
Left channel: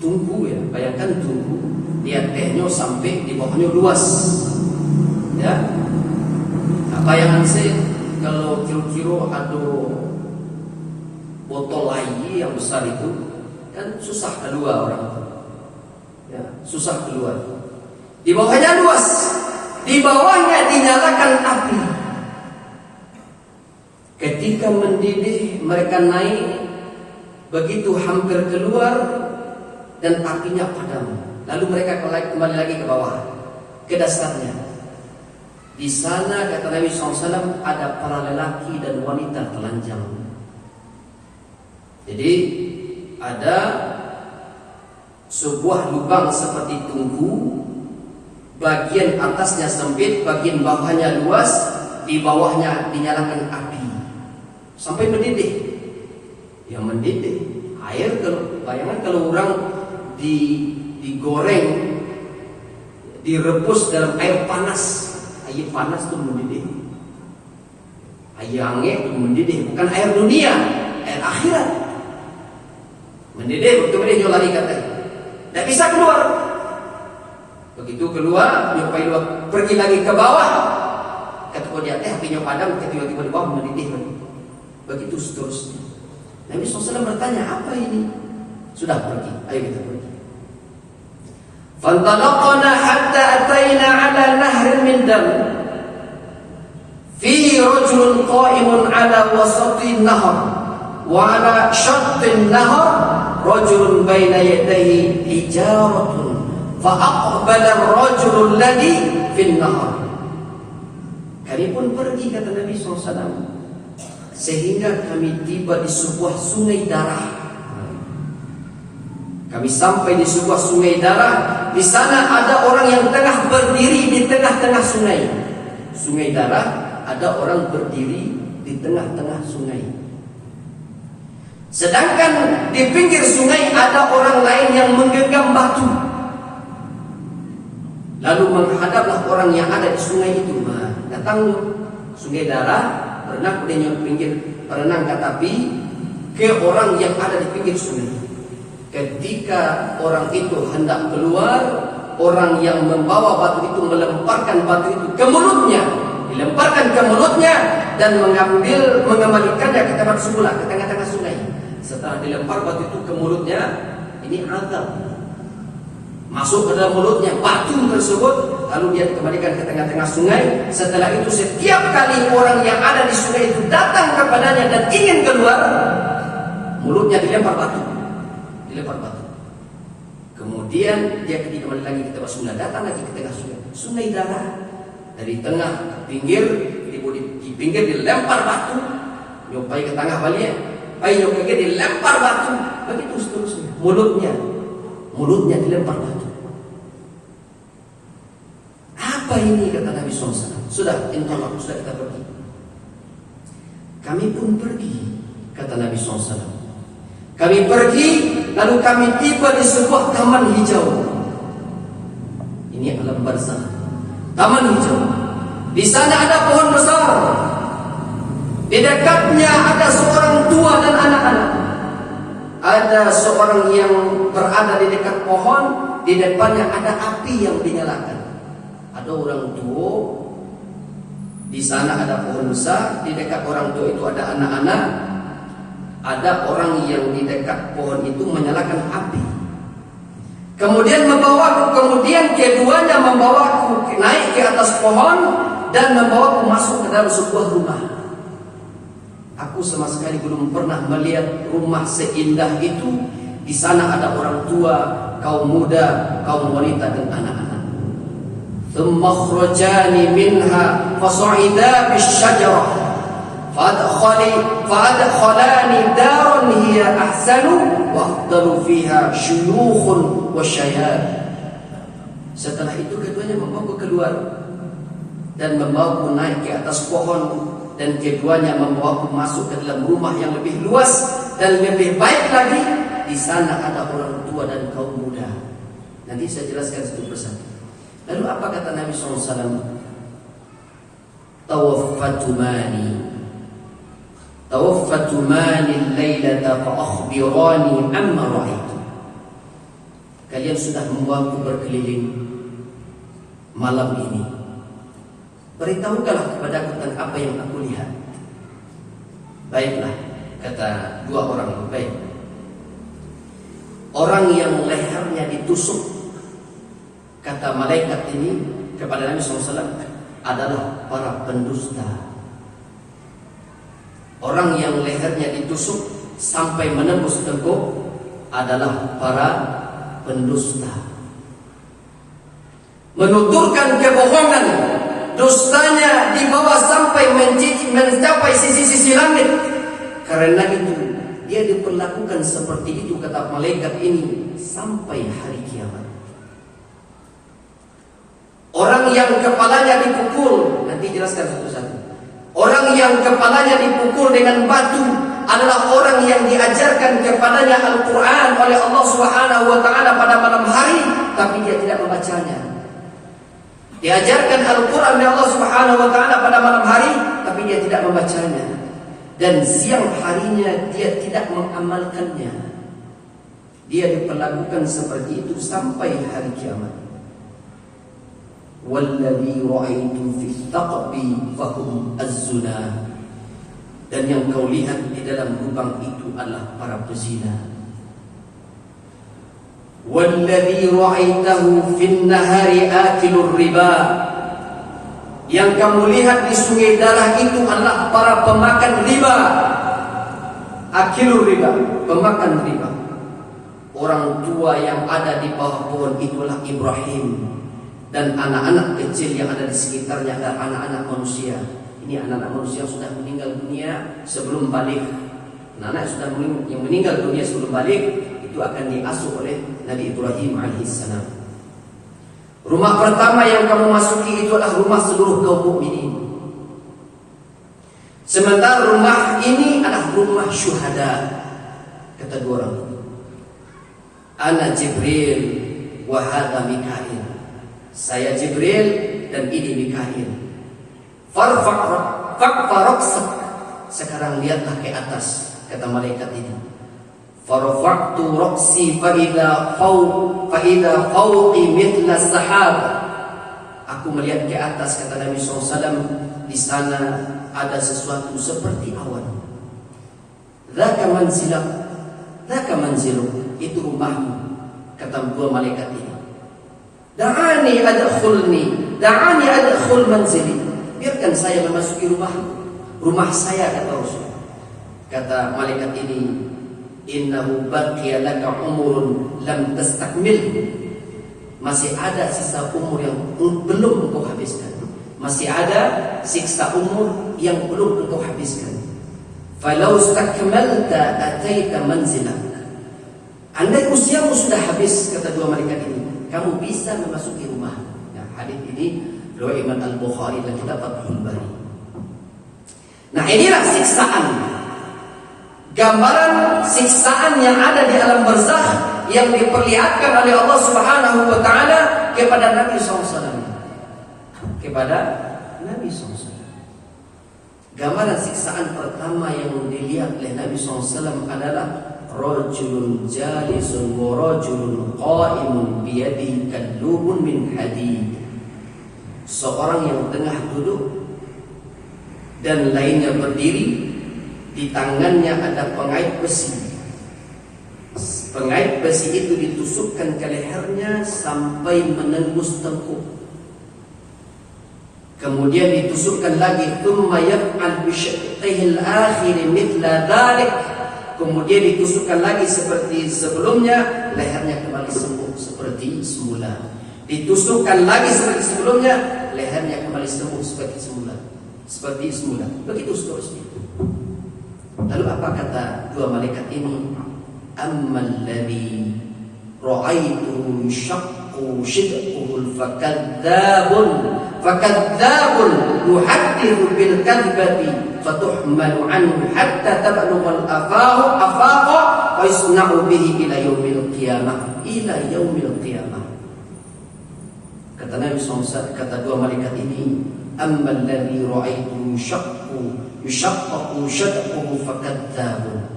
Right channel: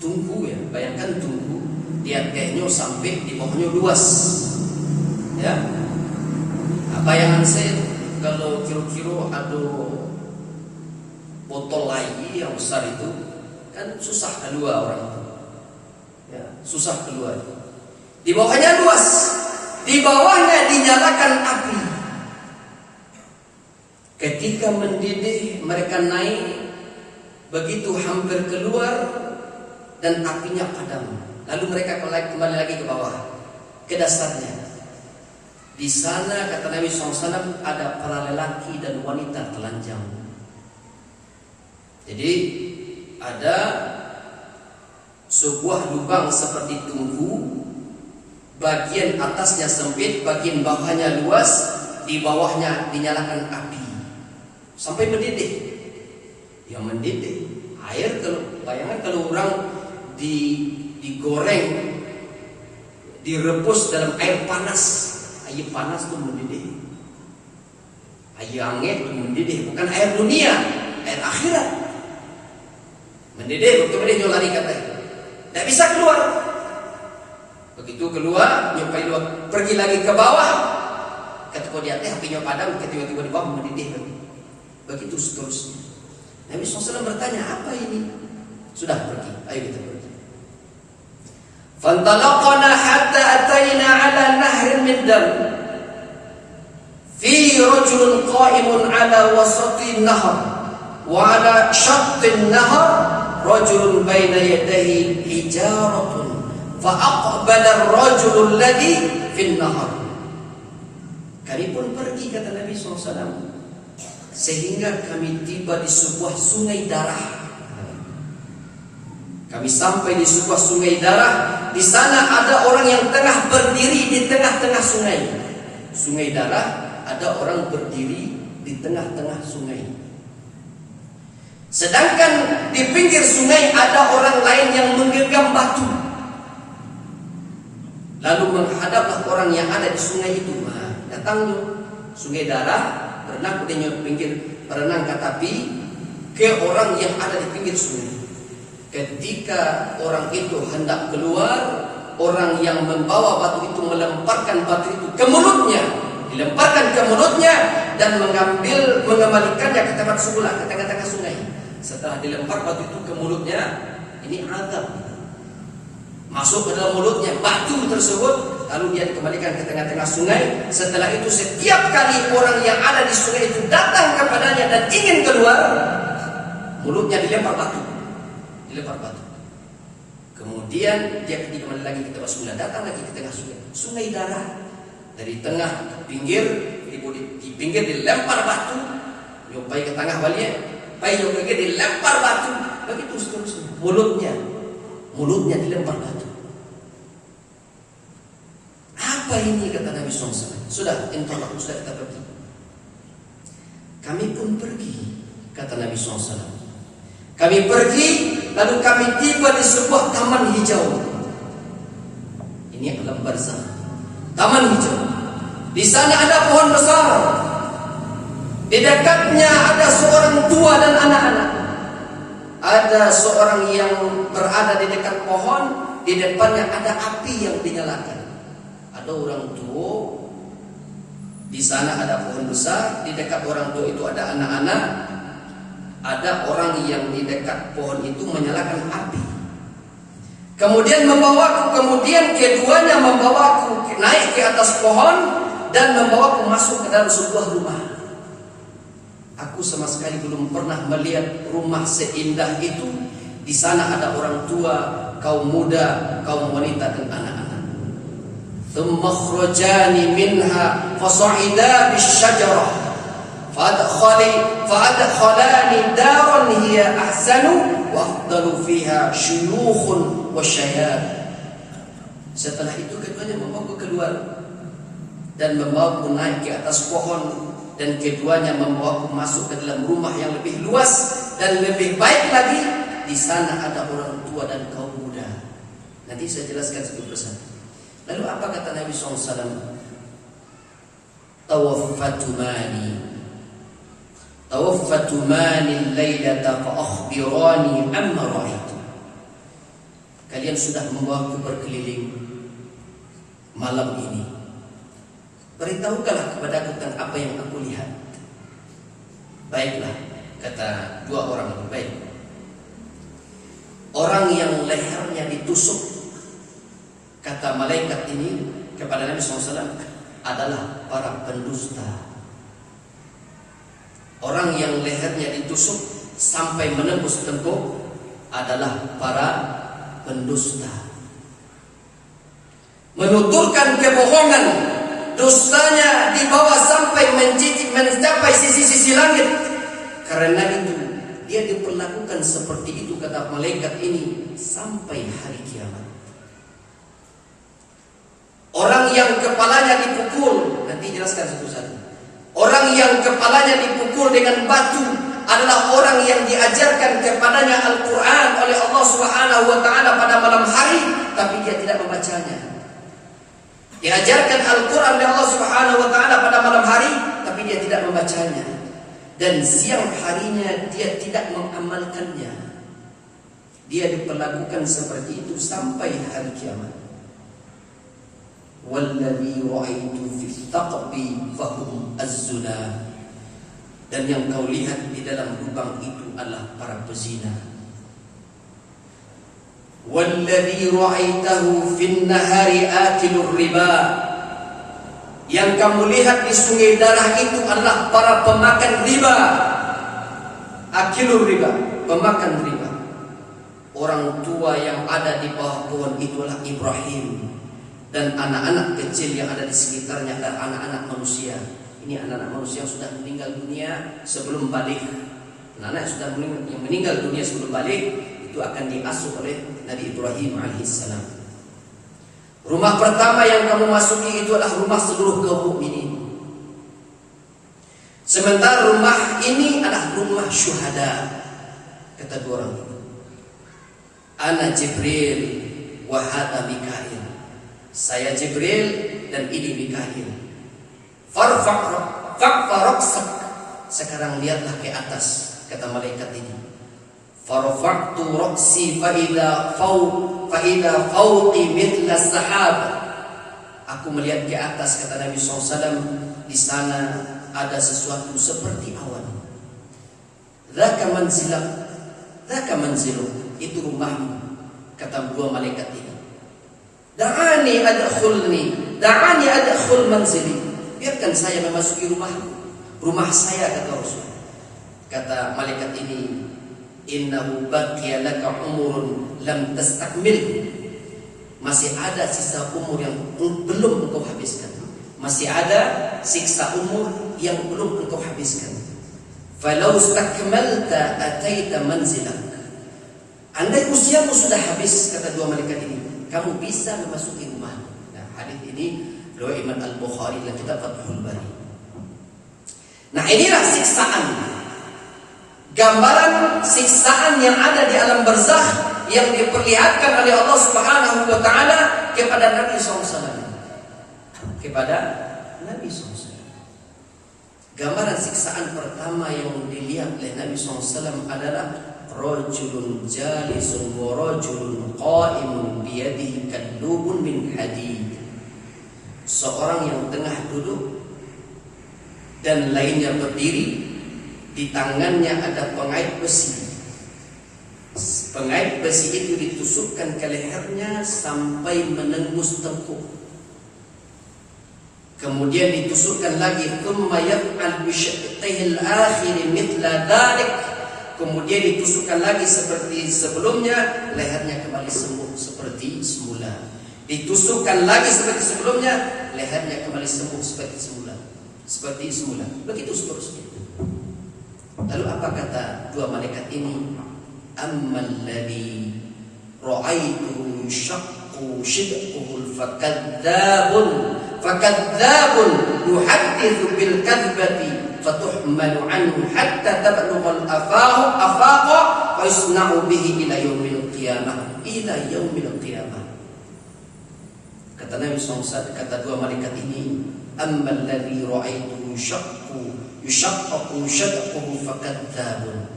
Tungku, ya, bayangkan tungku, dia tehnya sampai di bawahnya luas. Ya, bayangan saya kalau kira-kira ada botol lagi yang besar itu, kan susah keluar orang, ya, susah keluar. Di bawahnya luas, di bawahnya dinyalakan api. Ketika mendidih, mereka naik, begitu hampir keluar dan apinya padam. Lalu mereka kembali lagi ke bawah, ke dasarnya. Di sana kata Nabi SAW ada para lelaki dan wanita telanjang. Jadi ada sebuah lubang seperti tungku, bagian atasnya sempit, bagian bawahnya luas, di bawahnya dinyalakan api sampai mendidih. Yang mendidih air, kalau bayangkan kalau orang digoreng, direbus dalam air panas itu mendidih. Ayangnya mendidih, bukan air dunia, air akhirat. Mendidih, betul dia jual lari kata. Tak bisa keluar. Begitu keluar, nyupai luar, pergi lagi ke bawah. Ketika dia apinya padam, tiba-tiba di bawah mendidih lagi. Begitu seterusnya. Nabi SAW bertanya, apa ini? Sudah pergi, ayo kita pergi. Fantalaqna hatta atayna ala nahrin min dam. Fi rajulun qa'imun ala wasati nahar wa ala syatin nahar rajulun baina yadayhi hijaratun fa aqbala ar-rajulu alladhi fi nahar. Kami pun pergi, kata Nabi SAW, sehingga kami tiba di sebuah sungai darah. Kami sampai di sebuah sungai darah. Di sana ada orang yang tengah berdiri di tengah-tengah sungai. Sungai darah, ada orang berdiri di tengah-tengah sungai. Sedangkan di pinggir sungai ada orang lain yang menggenggam batu. Lalu menghadaplah orang yang ada di sungai itu. Datang sungai darah, berenang di pinggir, berenang ke tepi ke orang yang ada di pinggir sungai. Ketika orang itu hendak keluar, orang yang membawa batu itu melemparkan batu itu ke mulutnya, dilemparkan ke mulutnya dan mengembalikannya ke tempat semula, ke tengah-tengah sungai. Setelah dilempar batu itu ke mulutnya, ini azab. Masuk ke dalam mulutnya batu tersebut, lalu dia dikembalikan ke tengah-tengah sungai. Setelah itu setiap kali orang yang ada di sungai itu datang kepadanya dan ingin keluar, mulutnya dilempar batu. Kemudian dia kembali lagi ke tempat semula, datang lagi ke tengah sungai. Sungai darah, dari tengah ke pinggir, di pinggir dilempar batu, nyopai ke tengah balik, nyopai ke dilempar batu, begitu seterusnya. Mulutnya dilempar batu. Apa ini, kata Nabi SAW? Sudah, intolak, sudah kita pergi. Kami pun pergi, kata Nabi SAW. Kami pergi, lalu kami tiba di sebuah taman hijau. Ini alam barzah. Taman hijau. Di sana ada pohon besar. Di dekatnya ada seorang tua dan anak-anak. Ada seorang yang berada di dekat pohon, di depannya ada api yang dinyalakan. Ada orang tua, di sana ada pohon besar, di dekat orang tua itu ada anak-anak. Ada orang yang di dekat pohon itu menyalakan api. Kemudian keduanya membawaku naik ke atas pohon dan membawaku masuk ke dalam sebuah rumah. Aku sama sekali belum pernah melihat rumah seindah itu. Di sana ada orang tua, kaum muda, kaum wanita dan anak-anak. Thumma akhrajani minha fasa'ida bisyajarah. Fa'adkhalani daran hiya ahsanu wa afdalu fiha syuyukhun wa syayab. Setelah itu keduanya membawaku keluar dan membawaku naik ke atas pohon, dan keduanya membawaku masuk ke dalam rumah yang lebih luas dan lebih baik lagi. Di sana ada orang tua dan kaum muda. Nanti saya jelaskan satu persatu. Lalu apa kata Nabi SAW? Tawaffatu mani laylata fa akhbirani amma ra'aitu. Kalian sudah membawaku berkeliling malam ini. Beritahukanlah kepadaku tentang apa yang aku lihat. Baiklah, kata dua orang itu. Baik. Orang yang lehernya ditusuk, kata malaikat ini kepada Nabi SAW, adalah para pendusta. Orang yang lehernya ditusuk sampai menembus tengkuk adalah para pendusta. Menuturkan kebohongan, dustanya dibawa sampai mencapai sisi-sisi langit. Karena itu dia diperlakukan seperti itu, kata malaikat ini, sampai hari kiamat. Orang yang kepalanya dipukul, nanti jelaskan satu-satu. Orang yang kepalanya dipukul dengan batu adalah orang yang diajarkan kepadanya Al-Quran oleh Allah Subhanahu wa Ta'ala pada malam hari, tapi dia tidak membacanya. Diajarkan Al-Quran oleh Allah Subhanahu wa Ta'ala pada malam hari, tapi dia tidak membacanya. Dan siang harinya dia tidak mengamalkannya. Dia diperlakukan seperti itu sampai hari kiamat. Walladzi ra'aitu fit taqbi fahum az-zuna. Dan yang kau lihat di dalam lubang itu adalah para pezina. Walladzi ra'aitahu fin nahari akilur riba. Yang kamu lihat di sungai darah itu adalah para pemakan riba. Akilur riba, pemakan riba. Orang tua yang ada di bawah pohon itulah Ibrahim, dan anak-anak kecil yang ada di sekitarnya adalah anak-anak manusia. Ini anak-anak manusia yang sudah meninggal dunia sebelum balik. Anak-anak yang meninggal dunia sebelum balik itu akan diasuh oleh Nabi Ibrahim alaihissalam. Rumah pertama yang kamu masuki itu adalah rumah seluruh kaum mukminin. Sementara rumah ini adalah rumah syuhada. Kata dua orang itu, Ana Jibril wa hadha Mikail. Saya Jibril dan ini Mikail. Farfa'rak. Sekarang lihatlah ke atas, kata malaikat ini. Farfa'tu raksi fa'idha fawqi mithla sahab. Aku melihat ke atas, kata Nabi SAW, di sana ada sesuatu seperti awan. Dzaka manziluk, itu rumahmu, kata dua malaikat ini. Da'ani adkhul manzili. Biarkan saya memasuki rumah saya, kata Rasul. Kata malaikat ini, innahu baqiya laka umurun lam tastakmil. Masih ada sisa umur yang belum engkau habiskan. Masih ada siksa umur yang belum engkau habiskan. Falau stakmalta ataita manzilak. Andai usiamu sudah habis, kata dua malaikat ini, kamu bisa memasuki rumah. Nah, hadis ini riwayat Imam Al-Bukhari dalam kitab Fathul Bari. Nah, inilah siksaan. Gambaran siksaan yang ada di alam barzakh yang diperlihatkan oleh Allah Subhanahu wa Ta'ala kepada Nabi SAW. Kepada Nabi SAW. Gambaran siksaan pertama yang dilihat oleh Nabi SAW adalah rajulun jalisun wa rajulun qa'imun biyadihi kallubun min hadid. Seorang yang tengah duduk dan lainnya berdiri, di tangannya ada pengait besi. Pengait besi itu ditusukkan ke lehernya sampai menembus tengkuk. Kemudian ditusukkan lagi, thumma yaf'al bi syaqqihil akhir mithla dhalik. Kemudian ditusukkan lagi seperti sebelumnya, lehernya kembali sembuh seperti semula. Ditusukkan lagi seperti sebelumnya, lehernya kembali sembuh seperti semula. Begitu seterusnya. Lalu apa kata dua malaikat ini? Ammal ladzi ra'aitu syaqqu shidquhu fakadzabun yuhaddithu bil kadzbati fatuhmalu anhu hatta tablugha al-afaqa wa yusna'u bihi ila yaumil qiyamah. Kata Nabi SAW, kata dua malaikat ini, ammal ladzi ra'aitu yushaqqu shadquhu fakadzabun.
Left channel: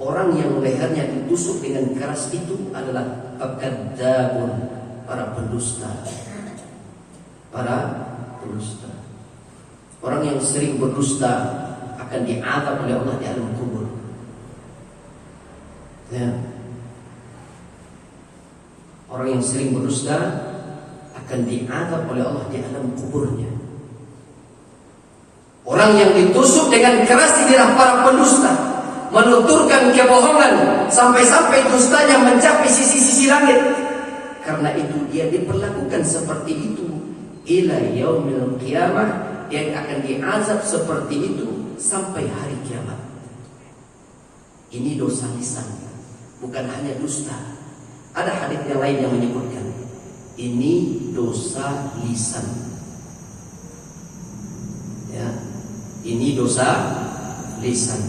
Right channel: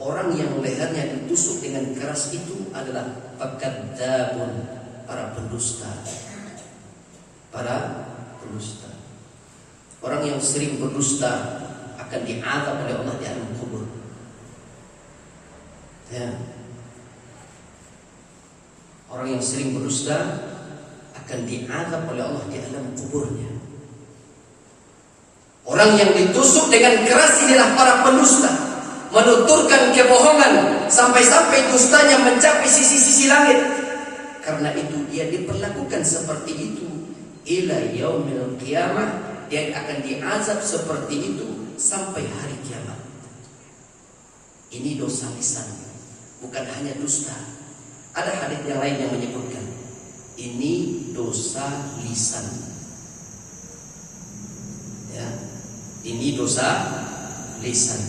Orang yang lehernya ditusuk dengan keras itu adalah fakadzabun, para pendusta. Orang yang sering berdusta akan diazab oleh Allah di alam kubur. Ya. Orang yang sering berdusta akan diazab oleh Allah di alam kuburnya. Orang yang ditusuk dengan keras inilah para pendusta, menuturkan kebohongan sampai-sampai dustanya mencapai sisi-sisi langit. Karena itu dia diperlakukan seperti itu ila yaumil qiyamah. Dia akan diazab seperti itu sampai hari kiamat. Ini dosa lisan, bukan hanya dusta. Ada hadis yang lain yang menyebutkan ini dosa lisan. Ya, ini dosa lisan.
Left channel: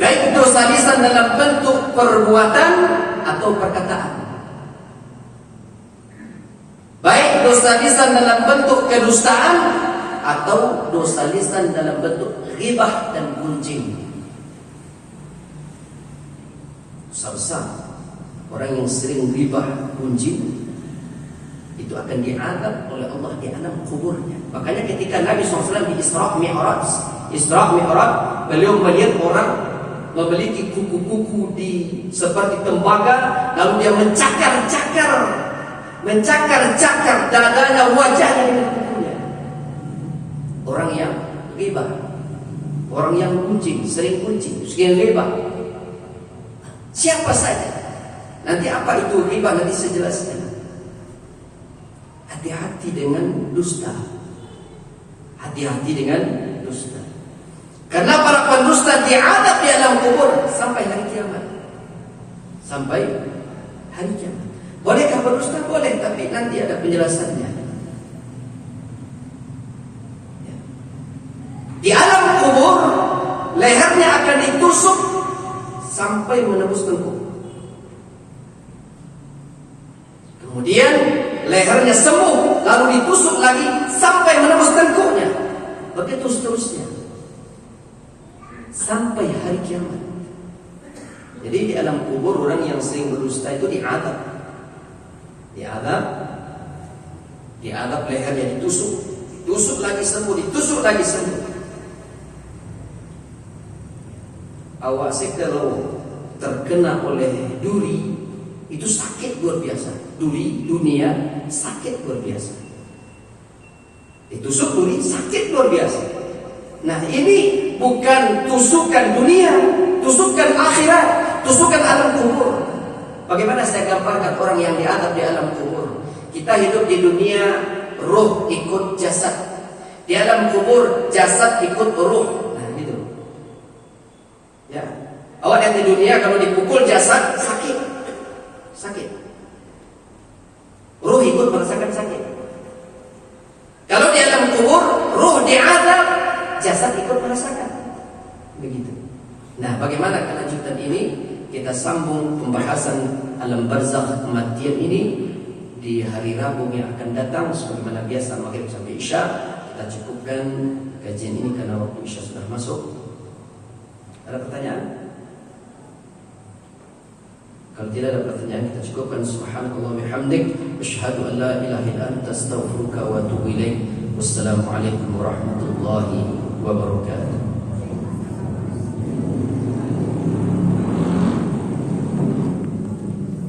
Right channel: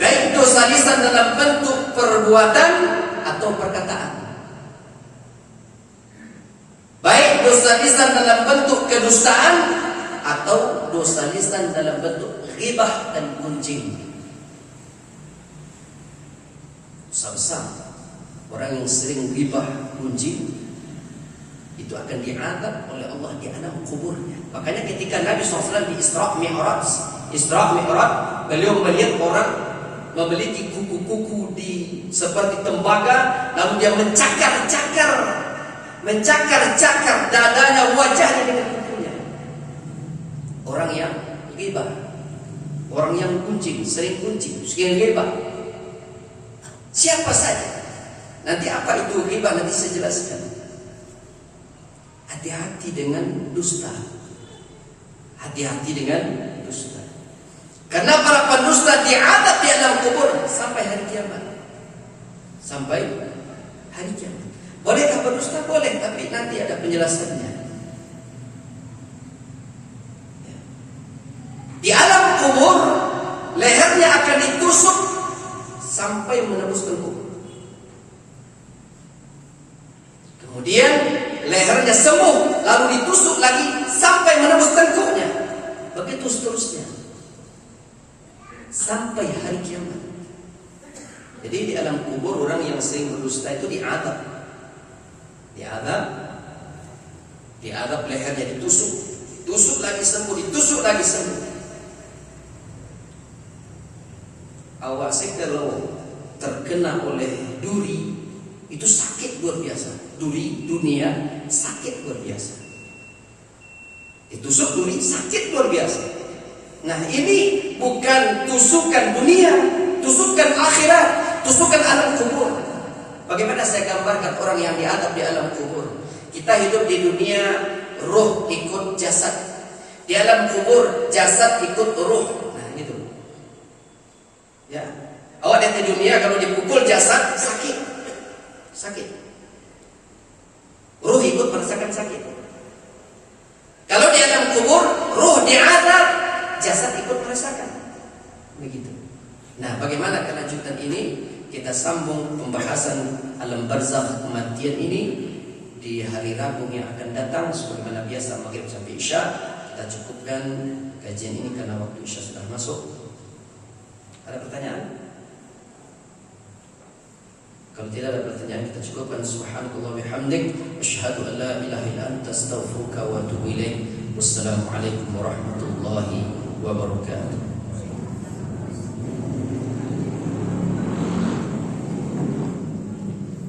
Baik dosa lisan dalam bentuk perbuatan atau perkataan. dosa lisan dalam bentuk kedustaan atau dosa lisan dalam bentuk ghibah dan gunjing. Dosa besar. Orang yang sering ghibah, gunjing, itu akan diadab oleh Allah di alam kuburnya. Makanya ketika Nabi SAW di Isra' Mi'raj, beliau melihat orang memiliki kuku-kuku seperti tembaga, lalu dia mencakar dadanya, wajahnya dengan kukunya. Orang yang ghibah, orang yang gunjing, sering ghibah. Siapa saja. Nanti apa itu ghibah nanti saya jelaskan. Hati-hati dengan dusta. Hati-hati dengan dusta. Karena para pendusta diadab di alam kubur sampai hari kiamat. Sampai hari kiamat. Bolehkah berdusta? Boleh, tapi nanti ada penjelasannya. Di alam kubur lehernya akan ditusuk sampai menembus tengkuk. Kemudian lehernya sembuh, lalu ditusuk lagi sampai menembus tengkuknya. Begitu seterusnya sampai hari kiamat. Jadi di alam kubur orang yang sering berdusta itu diadab, lehernya ditusuk lagi sembuh, ditusuk lagi sembuh. Awasi kalau terkena oleh duri itu sakit luar biasa. Duri dunia sakit luar biasa. Ditusuk duri sakit luar biasa. Nah ini bukan tusukan dunia, tusukan akhirat, tusukan alam kubur. Bagaimana saya gambarkan orang yang diadab di alam kubur. Kita hidup di dunia, ruh ikut jasad. Di alam kubur jasad ikut ruh. Nah gitu. Ya, awak lihat di dunia kalau dipukul jasad sakit. Ruh ikut merasakan sakit. Kalau di alam kubur, ruh diadab, jasad ikut merasakan. Begitu. Nah, bagaimana kelanjutan ini? Kita sambung pembahasan alam barzakh kematian ini di hari Rabu yang akan datang. Sebagaimana biasa maghrib sampai Isya. Kita cukupkan kajian ini karena waktu Isya sudah masuk. Ada pertanyaan? Kalau tidak ada pertanyaan, kita cukupkan. Subhanakallah wa bihamdik, asyhadu an la ilaha illa anta, astaghfiruka wa atubu ilaik. Wassalamualaikum warahmatullahi wabarakatuh.